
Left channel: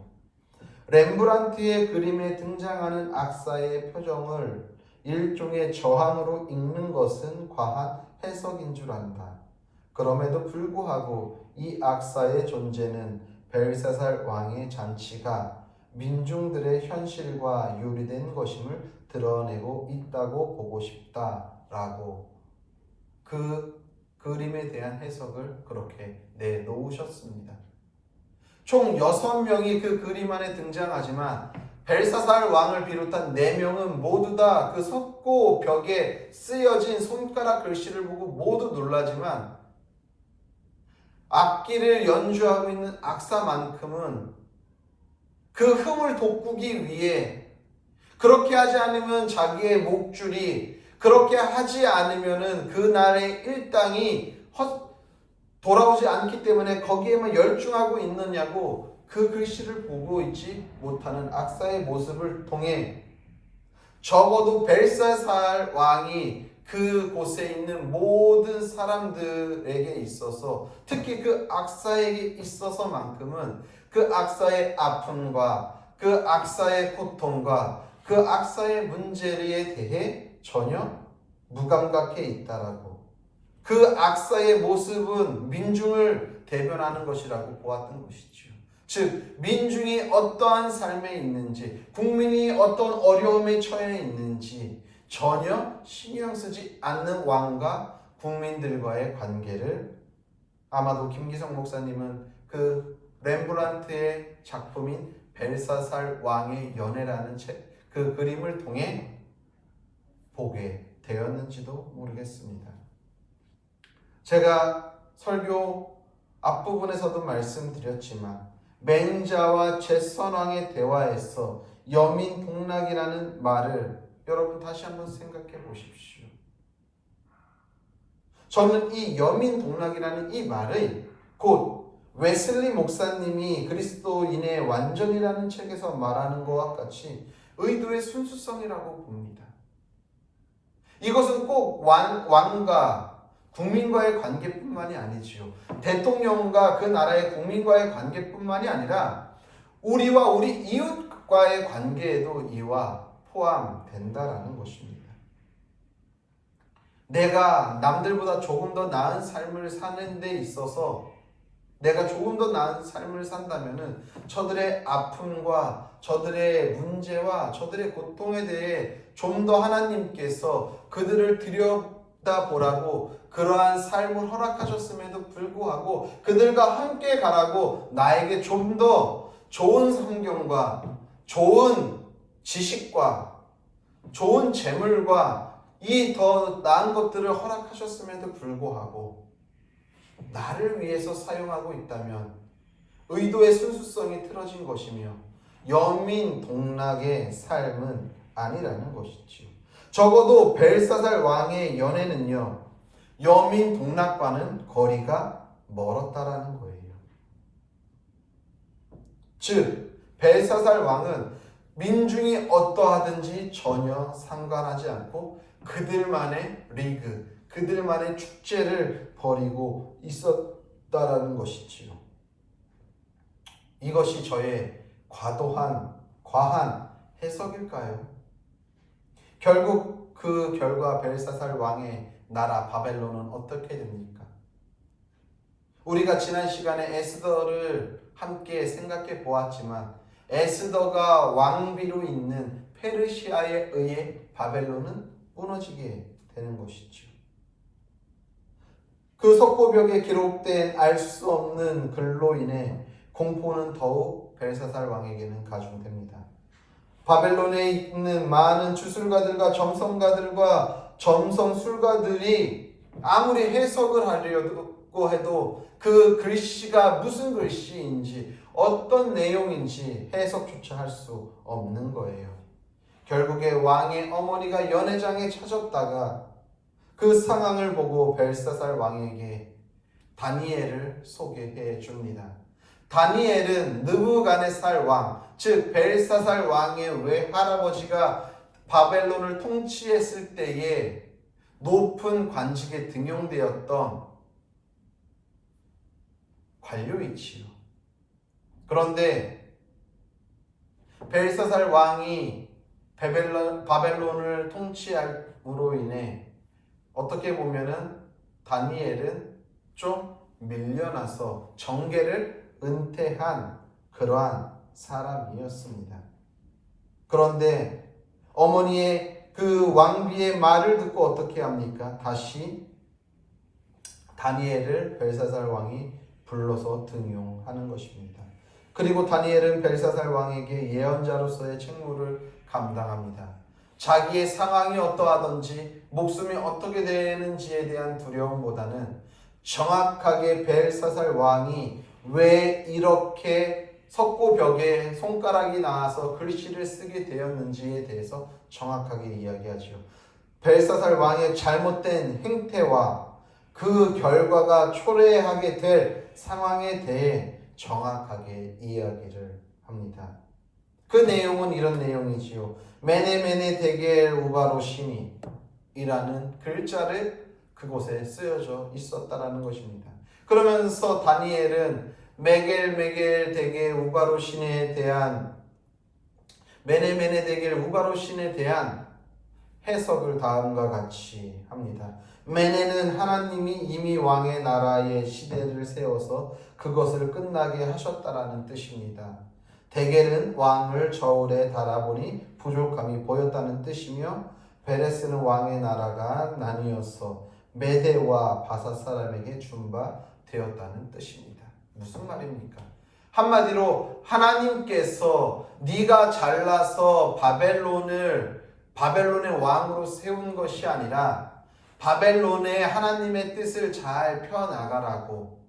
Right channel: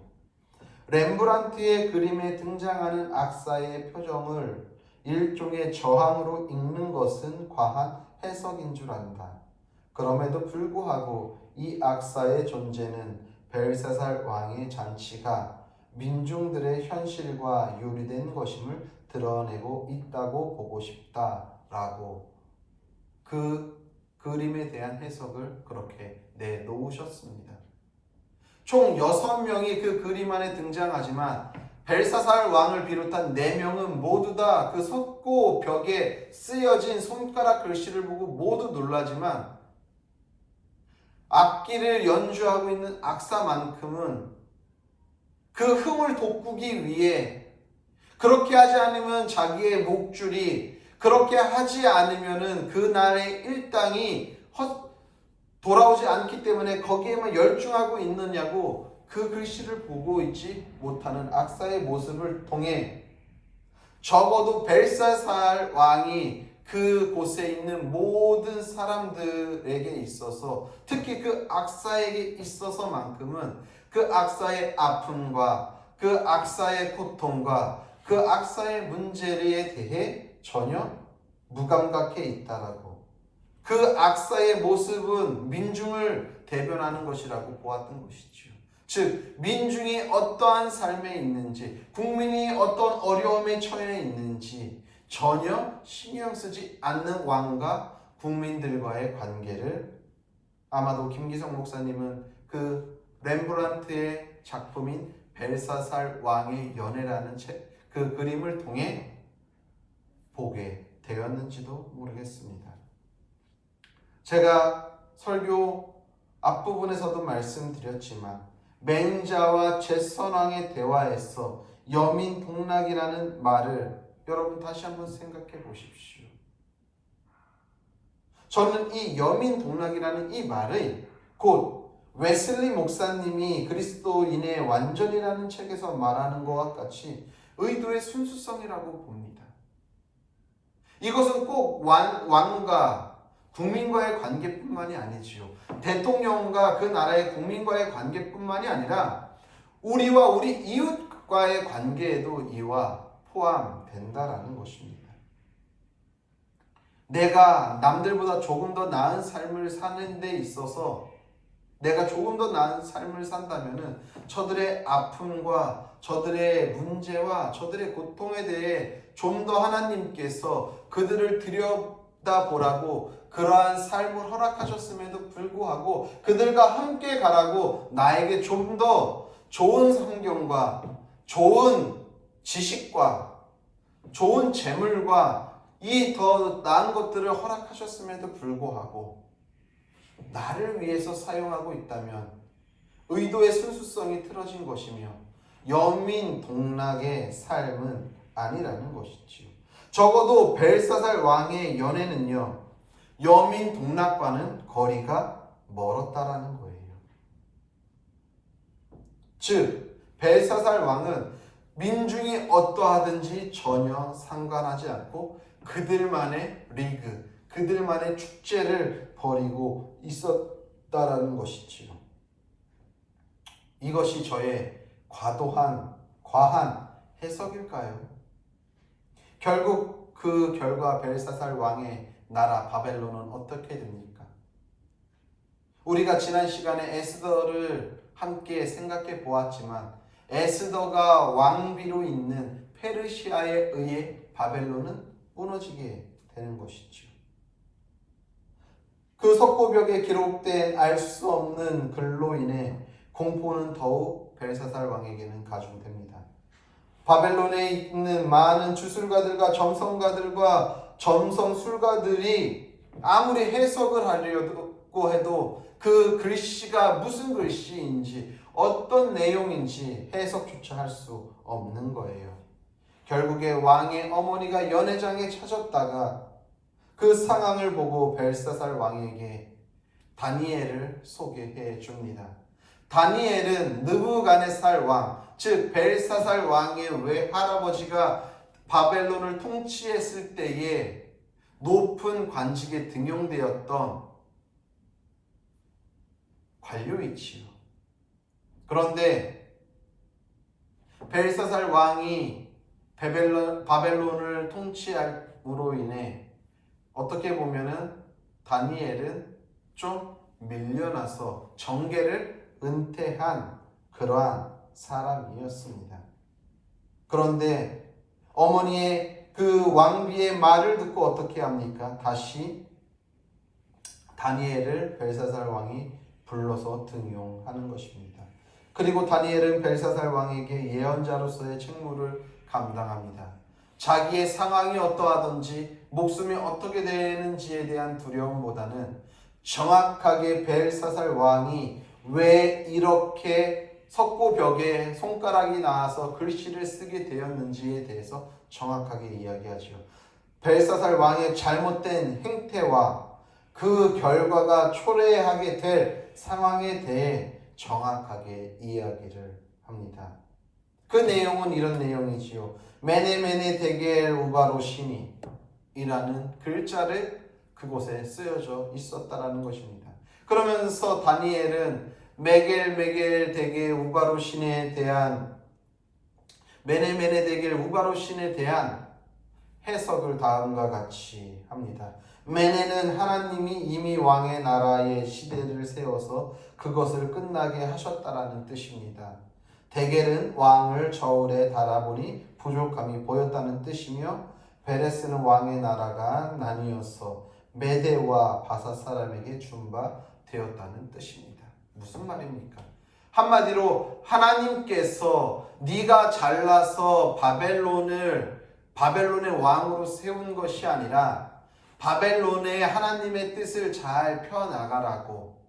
렘브란트의 그림에 등장하는 악사의 표정을 일종의 저항으로 읽는 것은 과한 해석인 줄 안다. 그럼에도 불구하고 이 악사의 존재는 벨사살 왕의 잔치가 민중들의 현실과 유리된 것임을 드러내고 있다고 보고 싶다라고 그 그림에 대한 해석을 그렇게 내놓으셨습니다. 총 6명이 그 그림 안에 등장하지만 벨사살 왕을 비롯한 4명은 모두 다 그 석고 벽에 쓰여진 손가락 글씨를 보고 모두 놀라지만 악기를 연주하고 있는 악사만큼은 그 흠을 돋구기 위해 그렇게 하지 않으면 자기의 목줄이, 그렇게 하지 않으면은 그날의 일당이 돌아오지 않기 때문에 거기에만 열중하고 있느냐고 그 글씨를 보고 있지 못하는 악사의 모습을 통해 적어도 벨사살 왕이 그곳에 있는 모든 사람들에게 있어서 특히 그 악사에게 있어서만큼은 그 악사의 아픔과 그 악사의 고통과 그 악사의 문제에 대해 전혀 무감각해 있다라고, 그 악사의 모습은 민중을 대변하는 것이라고 보았던 것이죠. 즉 민중이 어떠한 삶에 있는지, 국민이 어떤 어려움에 처해 있는지 전혀 신경 쓰지 않는 왕과 국민들과의 관계를, 아마도 김기성 목사님은 그 렘브란트의 작품인 벨사살 왕의 연애라는 그 그림을 통해 보게 되었는지도 모르겠습니다. 제가 설교 앞부분에서도 말씀드렸지만 맹자와 제선왕의 대화에서 여민동락이라는 말을 여러분 다시 한번 생각해 보십시오. 저는 이 여민동락이라는 이 말의 곧 웨슬리 목사님이 그리스도인의 완전이라는 책에서 말하는 것과 같이 의도의 순수성이라고 봅니다. 이것은 꼭 왕과 국민과의 관계뿐만이 아니지요. 대통령과 그 나라의 국민과의 관계뿐만이 아니라 우리와 우리 이웃과의 관계에도 이와 포함된다라는 것입니다. 내가 남들보다 조금 더 나은 삶을 사는 데 있어서 내가 조금 더 나은 삶을 산다면은 저들의 아픔과 저들의 문제와 저들의 고통에 대해 좀 더 하나님께서 그들을 들여다보라고 그러한 삶을 허락하셨음에도 불구하고 그들과 함께 가라고 나에게 좀 더 좋은 환경과 좋은 지식과 좋은 재물과 이 더 나은 것들을 허락하셨음에도 불구하고 나를 위해서 사용하고 있다면 의도의 순수성이 틀어진 것이며 여민동락의 삶은 아니라는 것이지요. 적어도 벨사살 왕의 연애는요, 여민동락과는 거리가 멀었다라는 거예요. 즉 벨사살 왕은 민중이 어떠하든지 전혀 상관하지 않고 그들만의 리그, 그들만의 축제를 벌이고 있었다라는 것이지요. 이것이 저의 과한 해석일까요? 결국 그 결과 벨사살 왕의 나라 바벨론은 어떻게 됩니까? 우리가 지난 시간에 에스더를 함께 생각해 보았지만 에스더가 왕비로 있는 페르시아에 의해 바벨론은 무너지게 되는 것이죠. 그 석고벽에 기록된 알 수 없는 글로 인해 공포는 더욱 벨사살 왕에게는 가중됩니다. 바벨론에 있는 많은 주술가들과 점성가들과 점성술가들이 아무리 해석을 하려고 해도 그 글씨가 무슨 글씨인지 어떤 내용인지 해석조차 할 수 없는 거예요. 결국에 왕의 어머니가 연회장에 찾았다가 그 상황을 보고 벨사살 왕에게 다니엘을 소개해 줍니다. 다니엘은 느부갓네살 왕, 즉 벨사살 왕의 외할아버지가 바벨론을 통치했을 때에 높은 관직에 등용되었던 관료이지요. 그런데 벨사살 왕이 바벨론을 통치함으로 인해 어떻게 보면은 다니엘은 좀 밀려나서 정계를 은퇴한 그러한 사람이었습니다. 그런데 어머니의 그 왕비의 말을 듣고 어떻게 합니까? 다시 다니엘을 벨사살 왕이 불러서 등용하는 것입니다. 그리고 다니엘은 벨사살 왕에게 예언자로서의 책무를 감당합니다. 자기의 상황이 어떠하든지 목숨이 어떻게 되는지에 대한 두려움보다는 정확하게 벨사살 왕이 왜 이렇게 석고벽에 손가락이 나와서 글씨를 쓰게 되었는지에 대해서 정확하게 이야기하지요. 벨사살 왕의 잘못된 행태와 그 결과가 초래하게 될 상황에 대해 정확하게 이야기를 합니다. 그 내용은 이런 내용이지요. 메네 데겔 우바로시니 이라는 글자를 그곳에 쓰여져 있었다라는 것입니다. 그러면서 다니엘은 메겔 데겔 우바로신에 대한 메네 데겔 우바로신에 대한 해석을 다음과 같이 합니다. 메네는 하나님이 이미 왕의 나라의 시대를 세워서 그것을 끝나게 하셨다라는 뜻입니다. 데겔은 왕을 저울에 달아보니 부족함이 보였다는 뜻이며, 베레스는 왕의 나라가 나뉘어서 메대와 바사 사람에게 준 바 되었다는 뜻입니다. 무슨 말입니까? 한마디로 하나님께서 네가 잘나서 바벨론의 왕으로 세운 것이 아니라 바벨론의 하나님의 뜻을 잘 펴나가라고,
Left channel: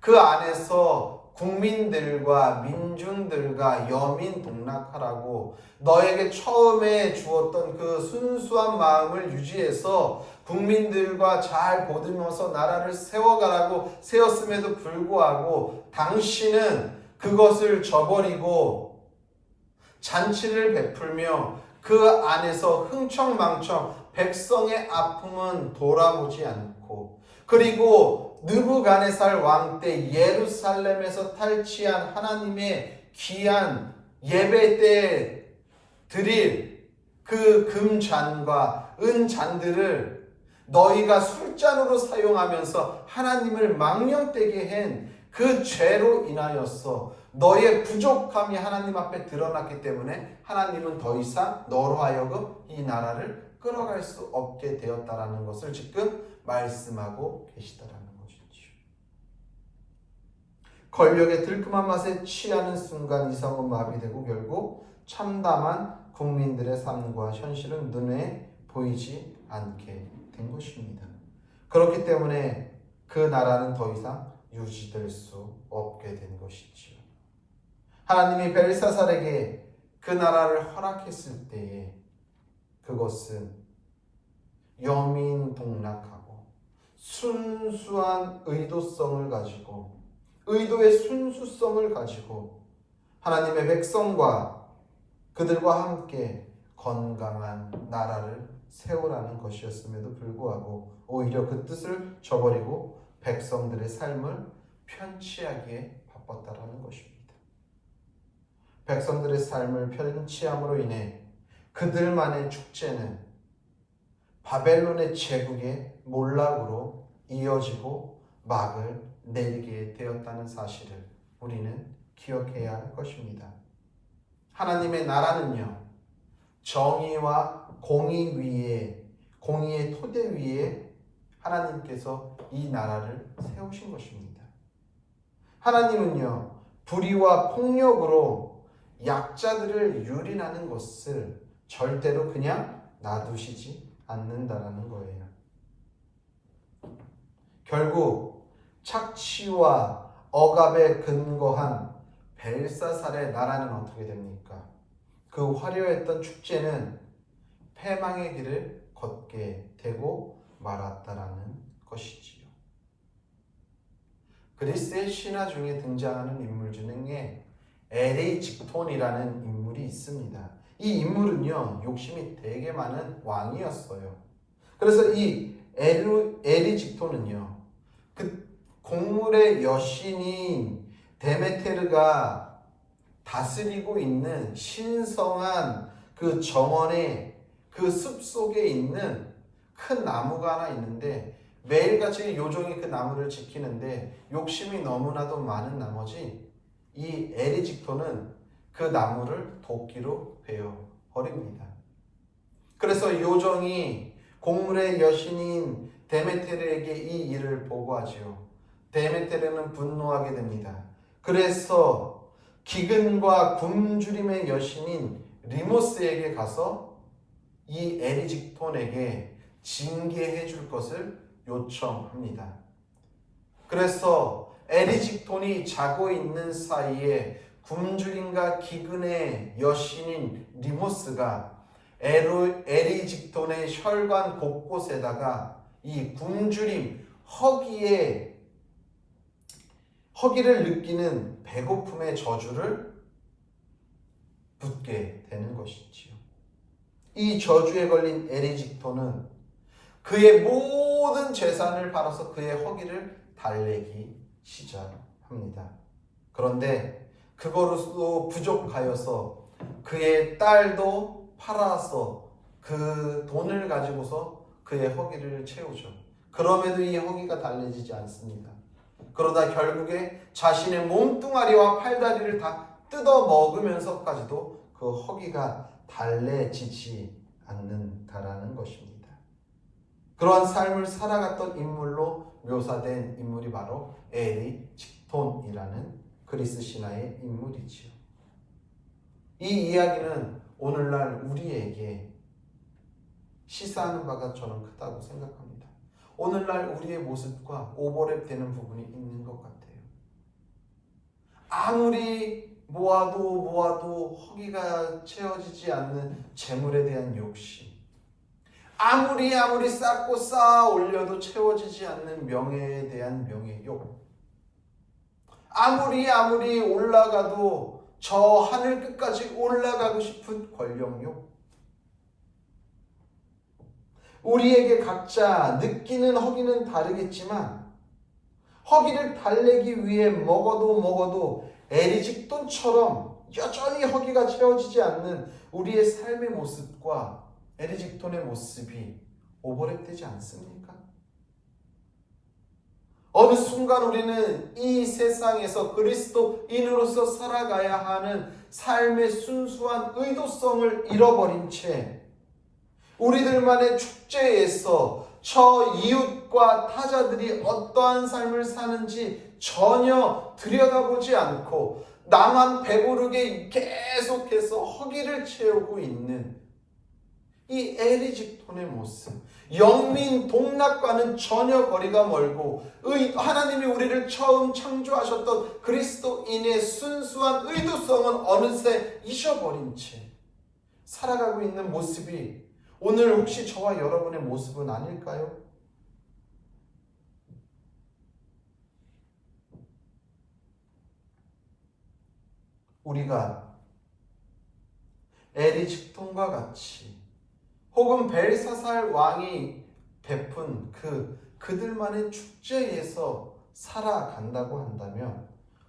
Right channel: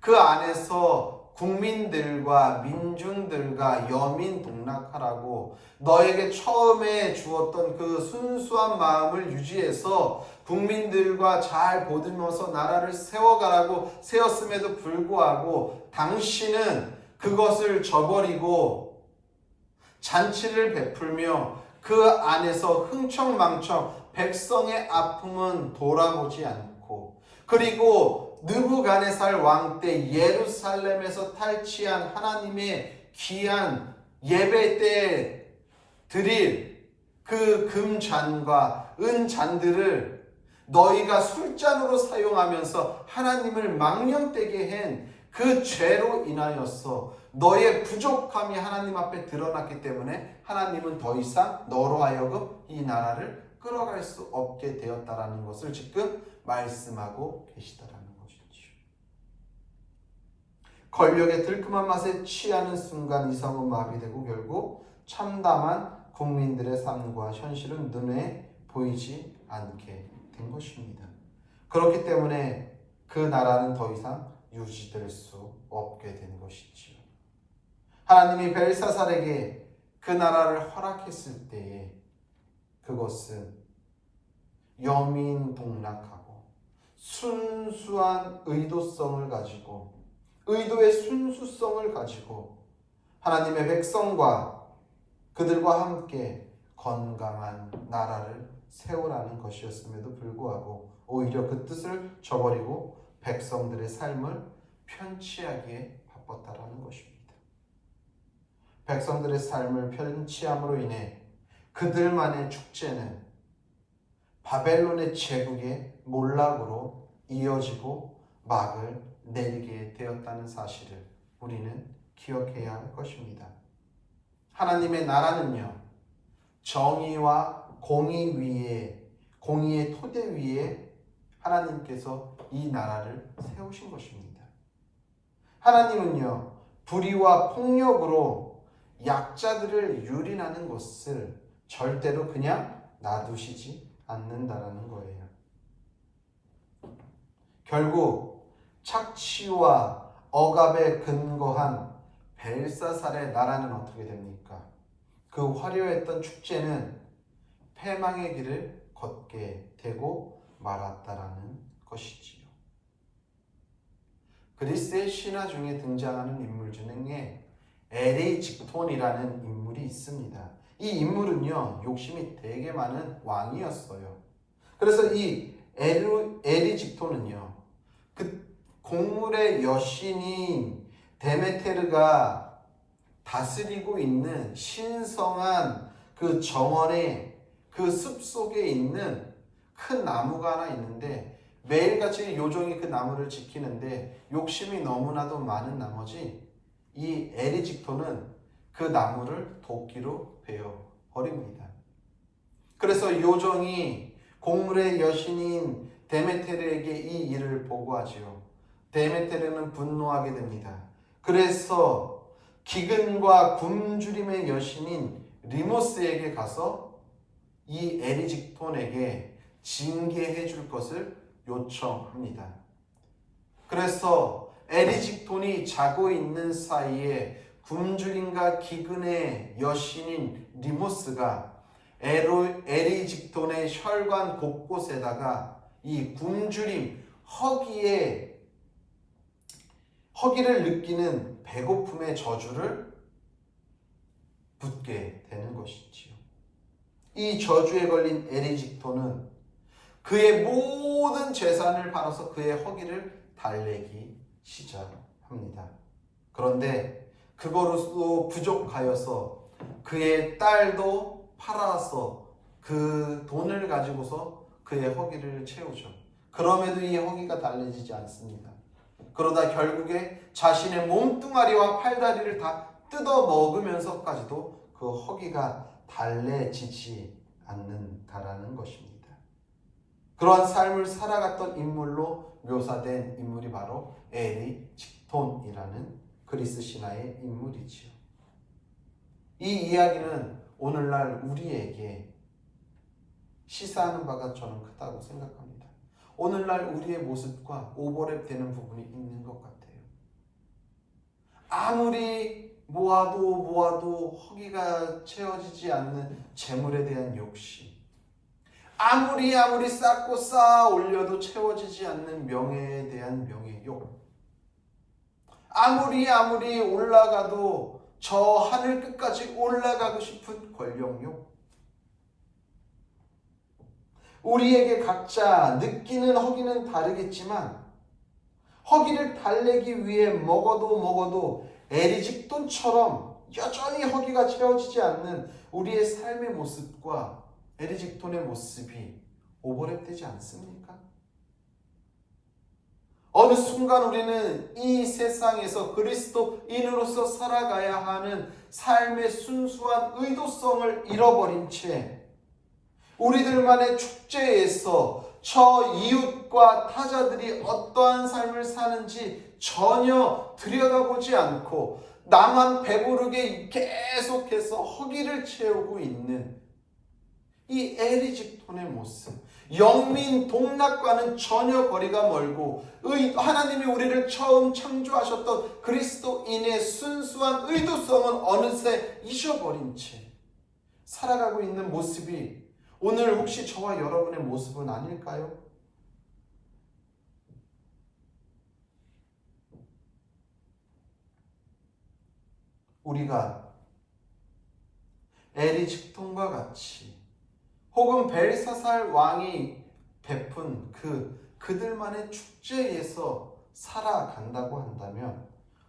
그 안에서 국민들과 민중들과 여민동락하라고 너에게 처음에 주었던 그 순수한 마음을 유지해서 국민들과 잘 보듬어서 나라를 세워가라고 세웠음에도 불구하고 당신은 그것을 저버리고 잔치를 베풀며 그 안에서 흥청망청 백성의 아픔은 돌아보지 않고, 그리고 느부갓네살 왕 때 예루살렘에서 탈취한 하나님의 귀한 예배 때 드릴 그 금잔과 은잔들을 너희가 술잔으로 사용하면서 하나님을 망령되게 한 그 죄로 인하여서 너의 부족함이 하나님 앞에 드러났기 때문에 하나님은 더 이상 너로 하여금 이 나라를 끌어갈 수 없게 되었다라는 것을 지금 말씀하고 계시다라는 것이죠. 권력의 들끔한 맛에 취하는 순간 이성은 마비되고 결국 참담한 국민들의 삶과 현실은 눈에 보이지 않게 된 것입니다. 그렇기 때문에 그 나라는 더 이상 유지될 수 없게 된 것이지요. 하나님이 벨사살에게 그 나라를 허락했을 때에 그것은 여민동락하고 순수한 의도성을 가지고, 의도의 순수성을 가지고 하나님의 백성과 그들과 함께 건강한 나라를 세우라는 것이었음에도 불구하고 오히려 그 뜻을 저버리고 백성들의 삶을 편취하기에 바빴다라는 것입니다. 백성들의 삶을 편취함으로 인해 그들만의 축제는 바벨론의 제국의 몰락으로 이어지고 막을 내리게 되었다는 사실을 우리는 기억해야 할 것입니다. 하나님의 나라는요, 정의와 공의의 토대 위에 하나님께서 이 나라를 세우신 것입니다. 하나님은요, 불의와 폭력으로 약자들을 유린하는 것을 절대로 그냥 놔두시지 않는다라는 거예요. 결국 착취와 억압에 근거한 벨사살의 나라는 어떻게 됩니까? 그 화려했던 축제는 패망의 길을 걷게 되고 말았다라는 것이지요. 그리스의 신화 중에 등장하는 인물 중에 에리직톤이라는 인물이 있습니다. 이 인물은요, 욕심이 되게 많은 왕이었어요. 그래서 이 에리직톤은요, 그 곡물의 여신인 데메테르가 다스리고 있는 신성한 그 정원의 그 숲속에 있는 큰 나무가 하나 있는데, 매일같이 요정이 그 나무를 지키는데 욕심이 너무나도 많은 나머지 이 에리직톤은 그 나무를 도끼로 베어버립니다. 그래서 요정이 곡물의 여신인 데메테르에게 이 일을 보고하지요. 데메테르는 분노하게 됩니다. 그래서 기근과 굶주림의 여신인 리모스에게 가서 이 에리직톤에게 징계해 줄 것을 요청합니다. 그래서 에리직톤이 자고 있는 사이에 굶주림과 기근의 여신인 리모스가 에리직톤의 혈관 곳곳에다가 이 굶주림, 허기를 느끼는 배고픔의 저주를 붙게 되는 것이지요. 이 저주에 걸린 에리직토는 그의 모든 재산을 팔아서 그의 허기를 달래기 시작합니다. 그런데 그거로도 부족하여서 그의 딸도 팔아서 그 돈을 가지고서 그의 허기를 채우죠. 그럼에도 이 허기가 달래지지 않습니다. 그러다 결국에 자신의 몸뚱아리와 팔다리를 다 뜯어 먹으면서까지도 그 허기가 달래지지 않는다라는 것입니다. 그러한 삶을 살아갔던 인물로 묘사된 인물이 바로 에리직톤이라는 그리스 신화의 인물이지요. 이 이야기는 오늘날 우리에게 시사하는 바가 저는 크다고 생각합니다. 오늘날 우리의 모습과 오버랩되는 부분이 있는 것 같아요. 아무리 모아도 허기가 채워지지 않는 재물에 대한 욕심, 아무리 쌓고 쌓아 올려도 채워지지 않는 명예에 대한 명예욕, 아무리 올라가도 저 하늘 끝까지 올라가고 싶은 권력욕, 우리에게 각자 느끼는 허기는 다르겠지만 허기를 달래기 위해 먹어도 에리직톤처럼 여전히 허기가 채워지지 않는 우리의 삶의 모습과 에리직톤의 모습이 오버랩되지 않습니까? 어느 순간 우리는 이 세상에서 그리스도인으로서 살아가야 하는 삶의 순수한 의도성을 잃어버린 채 우리들만의 축제에서 저 이웃과 타자들이 어떠한 삶을 사는지 전혀 들여다보지 않고 나만 배부르게 계속해서 허기를 채우고 있는 이 에리직톤의 모습, 영민 동락과는 전혀 거리가 멀고 하나님이 우리를 처음 창조하셨던 그리스도인의 순수한 의도성은 어느새 잊어버린 채 살아가고 있는 모습이 오늘 혹시 저와 여러분의 모습은 아닐까요? 우리가 에리직톤과 같이 혹은 벨사살 왕이 베푼 그들만의 축제에서 살아간다고 한다면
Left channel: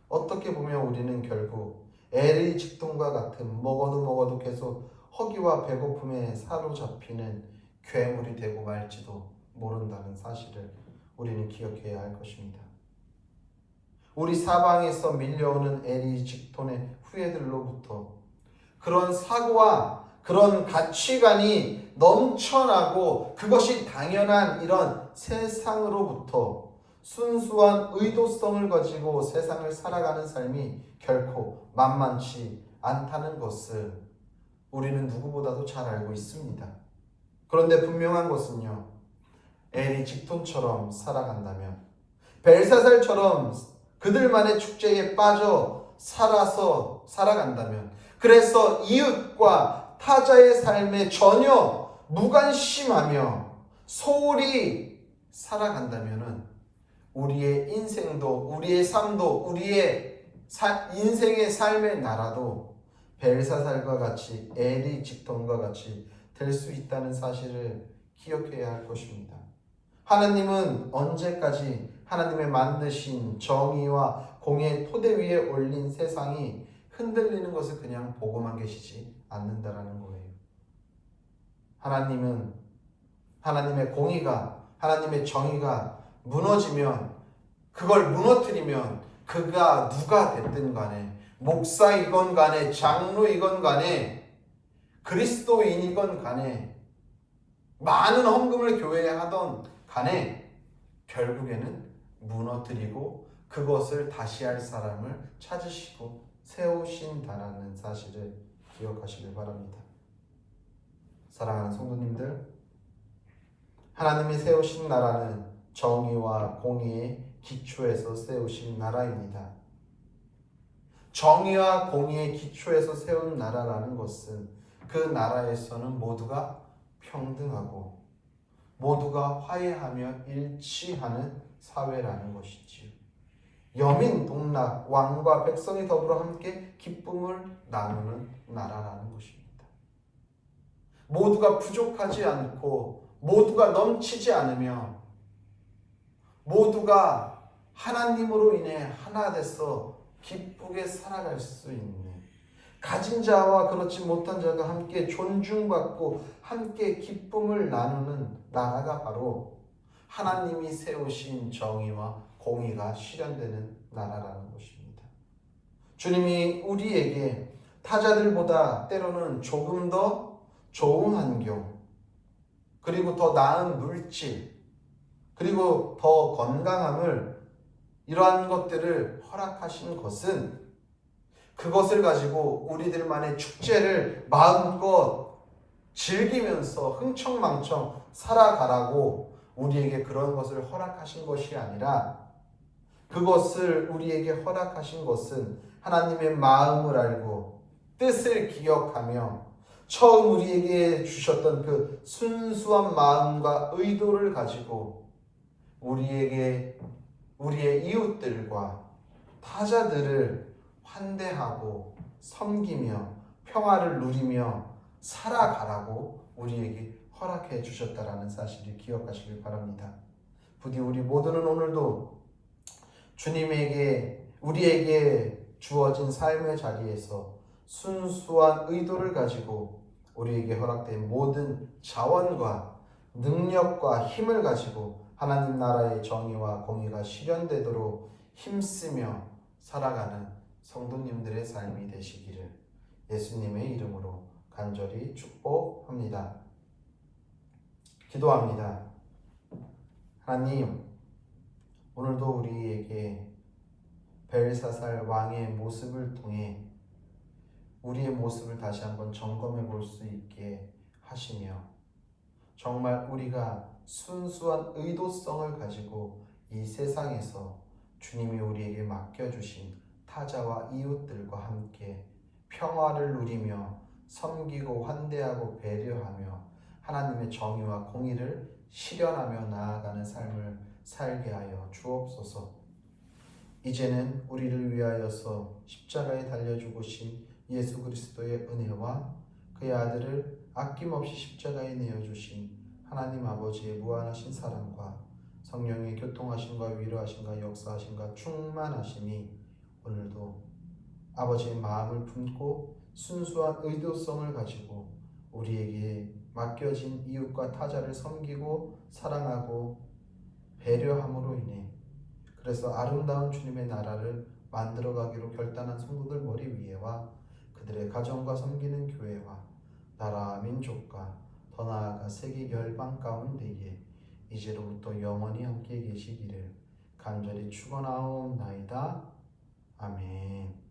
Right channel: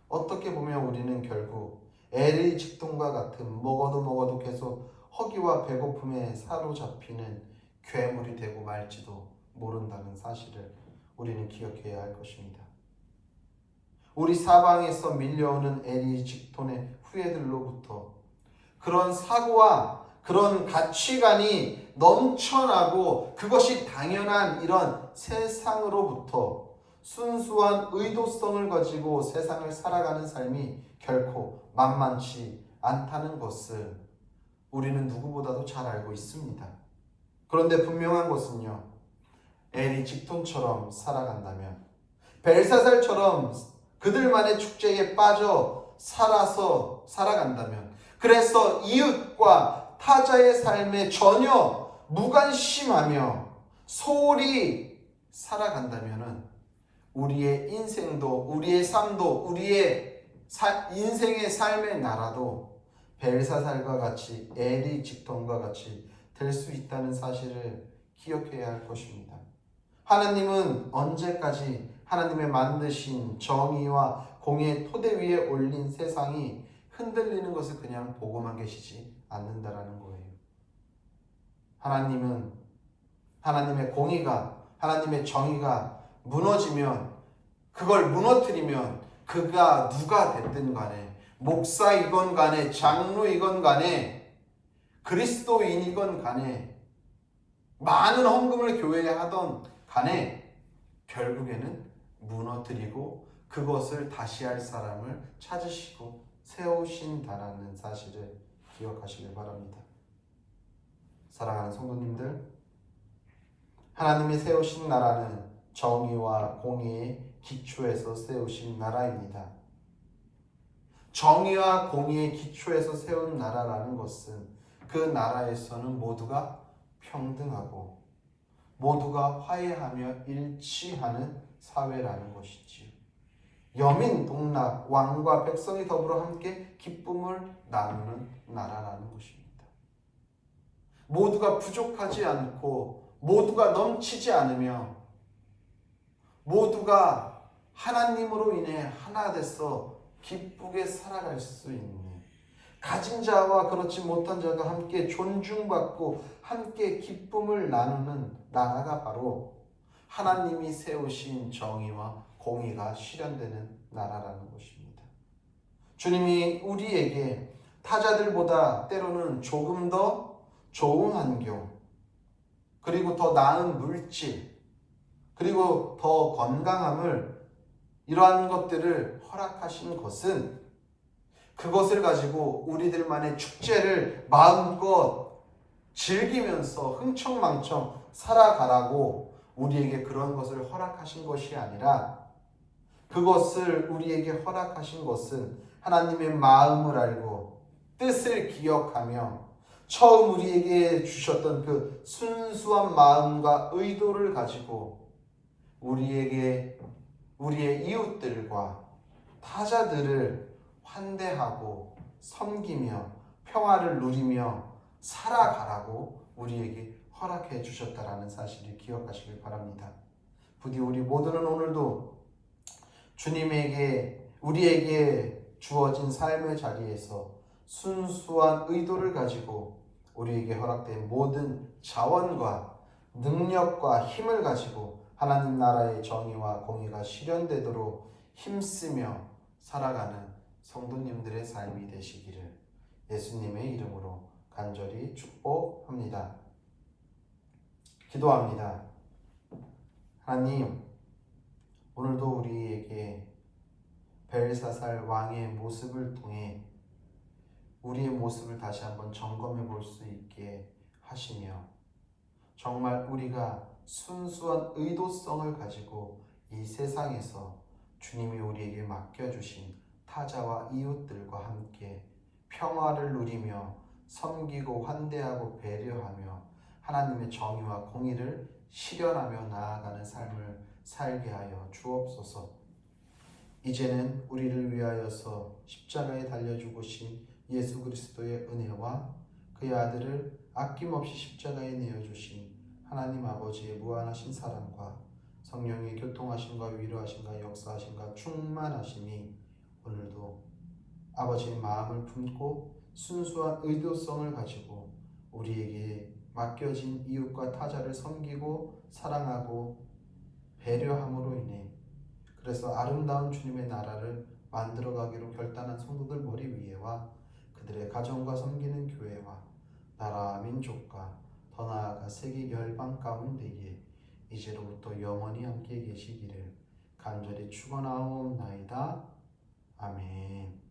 어떻게 보면 우리는 결국 에리직톤과 같은 먹어도 계속 허기와 배고픔에 사로잡히는 괴물이 되고 말지도 모른다는 사실을 우리는 기억해야 할 것입니다. 우리 사방에서 밀려오는 에리직톤의 후예들로부터 그런 사고와 그런 가치관이 넘쳐나고 그것이 당연한 이런 세상으로부터 순수한 의도성을 가지고 세상을 살아가는 삶이 결코 만만치 않다는 것을 우리는 누구보다도 잘 알고 있습니다. 그런데 분명한 것은요, 에리직톤처럼 살아간다면, 벨사살처럼 그들만의 축제에 빠져 살아간다면, 그래서 이웃과 타자의 삶에 전혀 무관심하며 소홀히 살아간다면 우리의 인생도, 우리의 삶도, 우리의 인생의 삶의 나라도 벨사살과 같이 에리직톤과 같이 될 수 있다는 사실을 기억해야 할 것입니다. 하나님은 언제까지 하나님의 만드신 정의와 공의 토대 위에 올린 세상이 흔들리는 것을 그냥 보고만 계시지 않는다라는 거예요. 하나님은 하나님의 공의가, 하나님의 정의가 무너지면, 그걸 무너뜨리면 그가 누가 됐든 간에, 목사이건 간에, 장로이건 간에, 그리스도인이건 간에, 많은 헌금을 교회에 하던 간에 결국에는 무너뜨리고 그것을 다시 할 사람을 찾으시고 세우신다라는 사실을 기억하시길 바랍니다. 사랑하는 성도님들, 하나님이 세우신 나라는 정의와 공의의 기초에서 세우신 나라입니다. 정의와 공의의 기초에서 세운 나라라는 것은 그 나라에서는 모두가 평등하고 모두가 화해하며 일치하는 사회라는 것이지요. 여민 동락 왕과 백성이 더불어 함께 기쁨을 나누는 나라라는 것입니다. 모두가 부족하지 않고 모두가 넘치지 않으며 모두가 하나님으로 인해 하나 돼서 기쁘게 살아갈 수 있는, 가진 자와 그렇지 못한 자가 함께 존중받고 함께 기쁨을 나누는 나라가 바로 하나님이 세우신 정의와 공의가 실현되는 나라라는 것입니다. 주님이 우리에게 타자들보다 때로는 조금 더 좋은 환경, 그리고 더 나은 물질, 그리고 더 건강함을, 이러한 것들을 허락하신 것은 그것을 가지고 우리들만의 축제를 마음껏 즐기면서 흥청망청 살아가라고 우리에게 그런 것을 허락하신 것이 아니라, 그것을 우리에게 허락하신 것은 하나님의 마음을 알고 뜻을 기억하며 처음 우리에게 주셨던 그 순수한 마음과 의도를 가지고 우리에게 우리의 이웃들과 타자들을 환대하고 섬기며 평화를 누리며 살아가라고 우리에게 허락해 주셨다라는 사실을 기억하시길 바랍니다. 부디 우리 모두는 오늘도 주님에게 우리에게 주어진 삶의 자리에서 순수한 의도를 가지고 우리에게 허락된 모든 자원과 능력과 힘을 가지고 하나님 나라의 정의와 공의가 실현되도록 힘쓰며 살아가는 성도님들의 삶이 되시기를 예수님의 이름으로 간절히 축복합니다. 기도합니다. 하나님, 오늘도 우리에게 벨사살 왕의 모습을 통해 우리의 모습을 다시 한번 점검해 볼 수 있게 하시며, 정말 우리가 순수한 의도성을 가지고 이 세상에서 주님이 우리에게 맡겨주신 타자와 이웃들과 함께 평화를 누리며 섬기고 환대하고 배려하며 하나님의 정의와 공의를 실현하며 나아가는 삶을 살게 하여 주옵소서. 이제는 우리를 위하여서 십자가에 달려 죽으신 예수 그리스도의 은혜와 그의 아들을 아낌없이 십자가에 내어주신 하나님 아버지의 무한하신 사랑과 성령의 교통하심과 위로하심과 역사하심과 충만하심이 오늘도 아버지의 마음을 품고 순수한 의도성을 가지고 우리에게 맡겨진 이웃과 타자를 섬기고 사랑하고 배려함으로 인해 그래서 아름다운 주님의 나라를 만들어가기로 결단한 성도들 머리 위에와 그들의 가정과 섬기는 교회와 나라와 민족과 더 나아가 세계 열방 가운데에 이제로부터 영원히 함께 계시기를 간절히 축원하옵나이다. 아멘.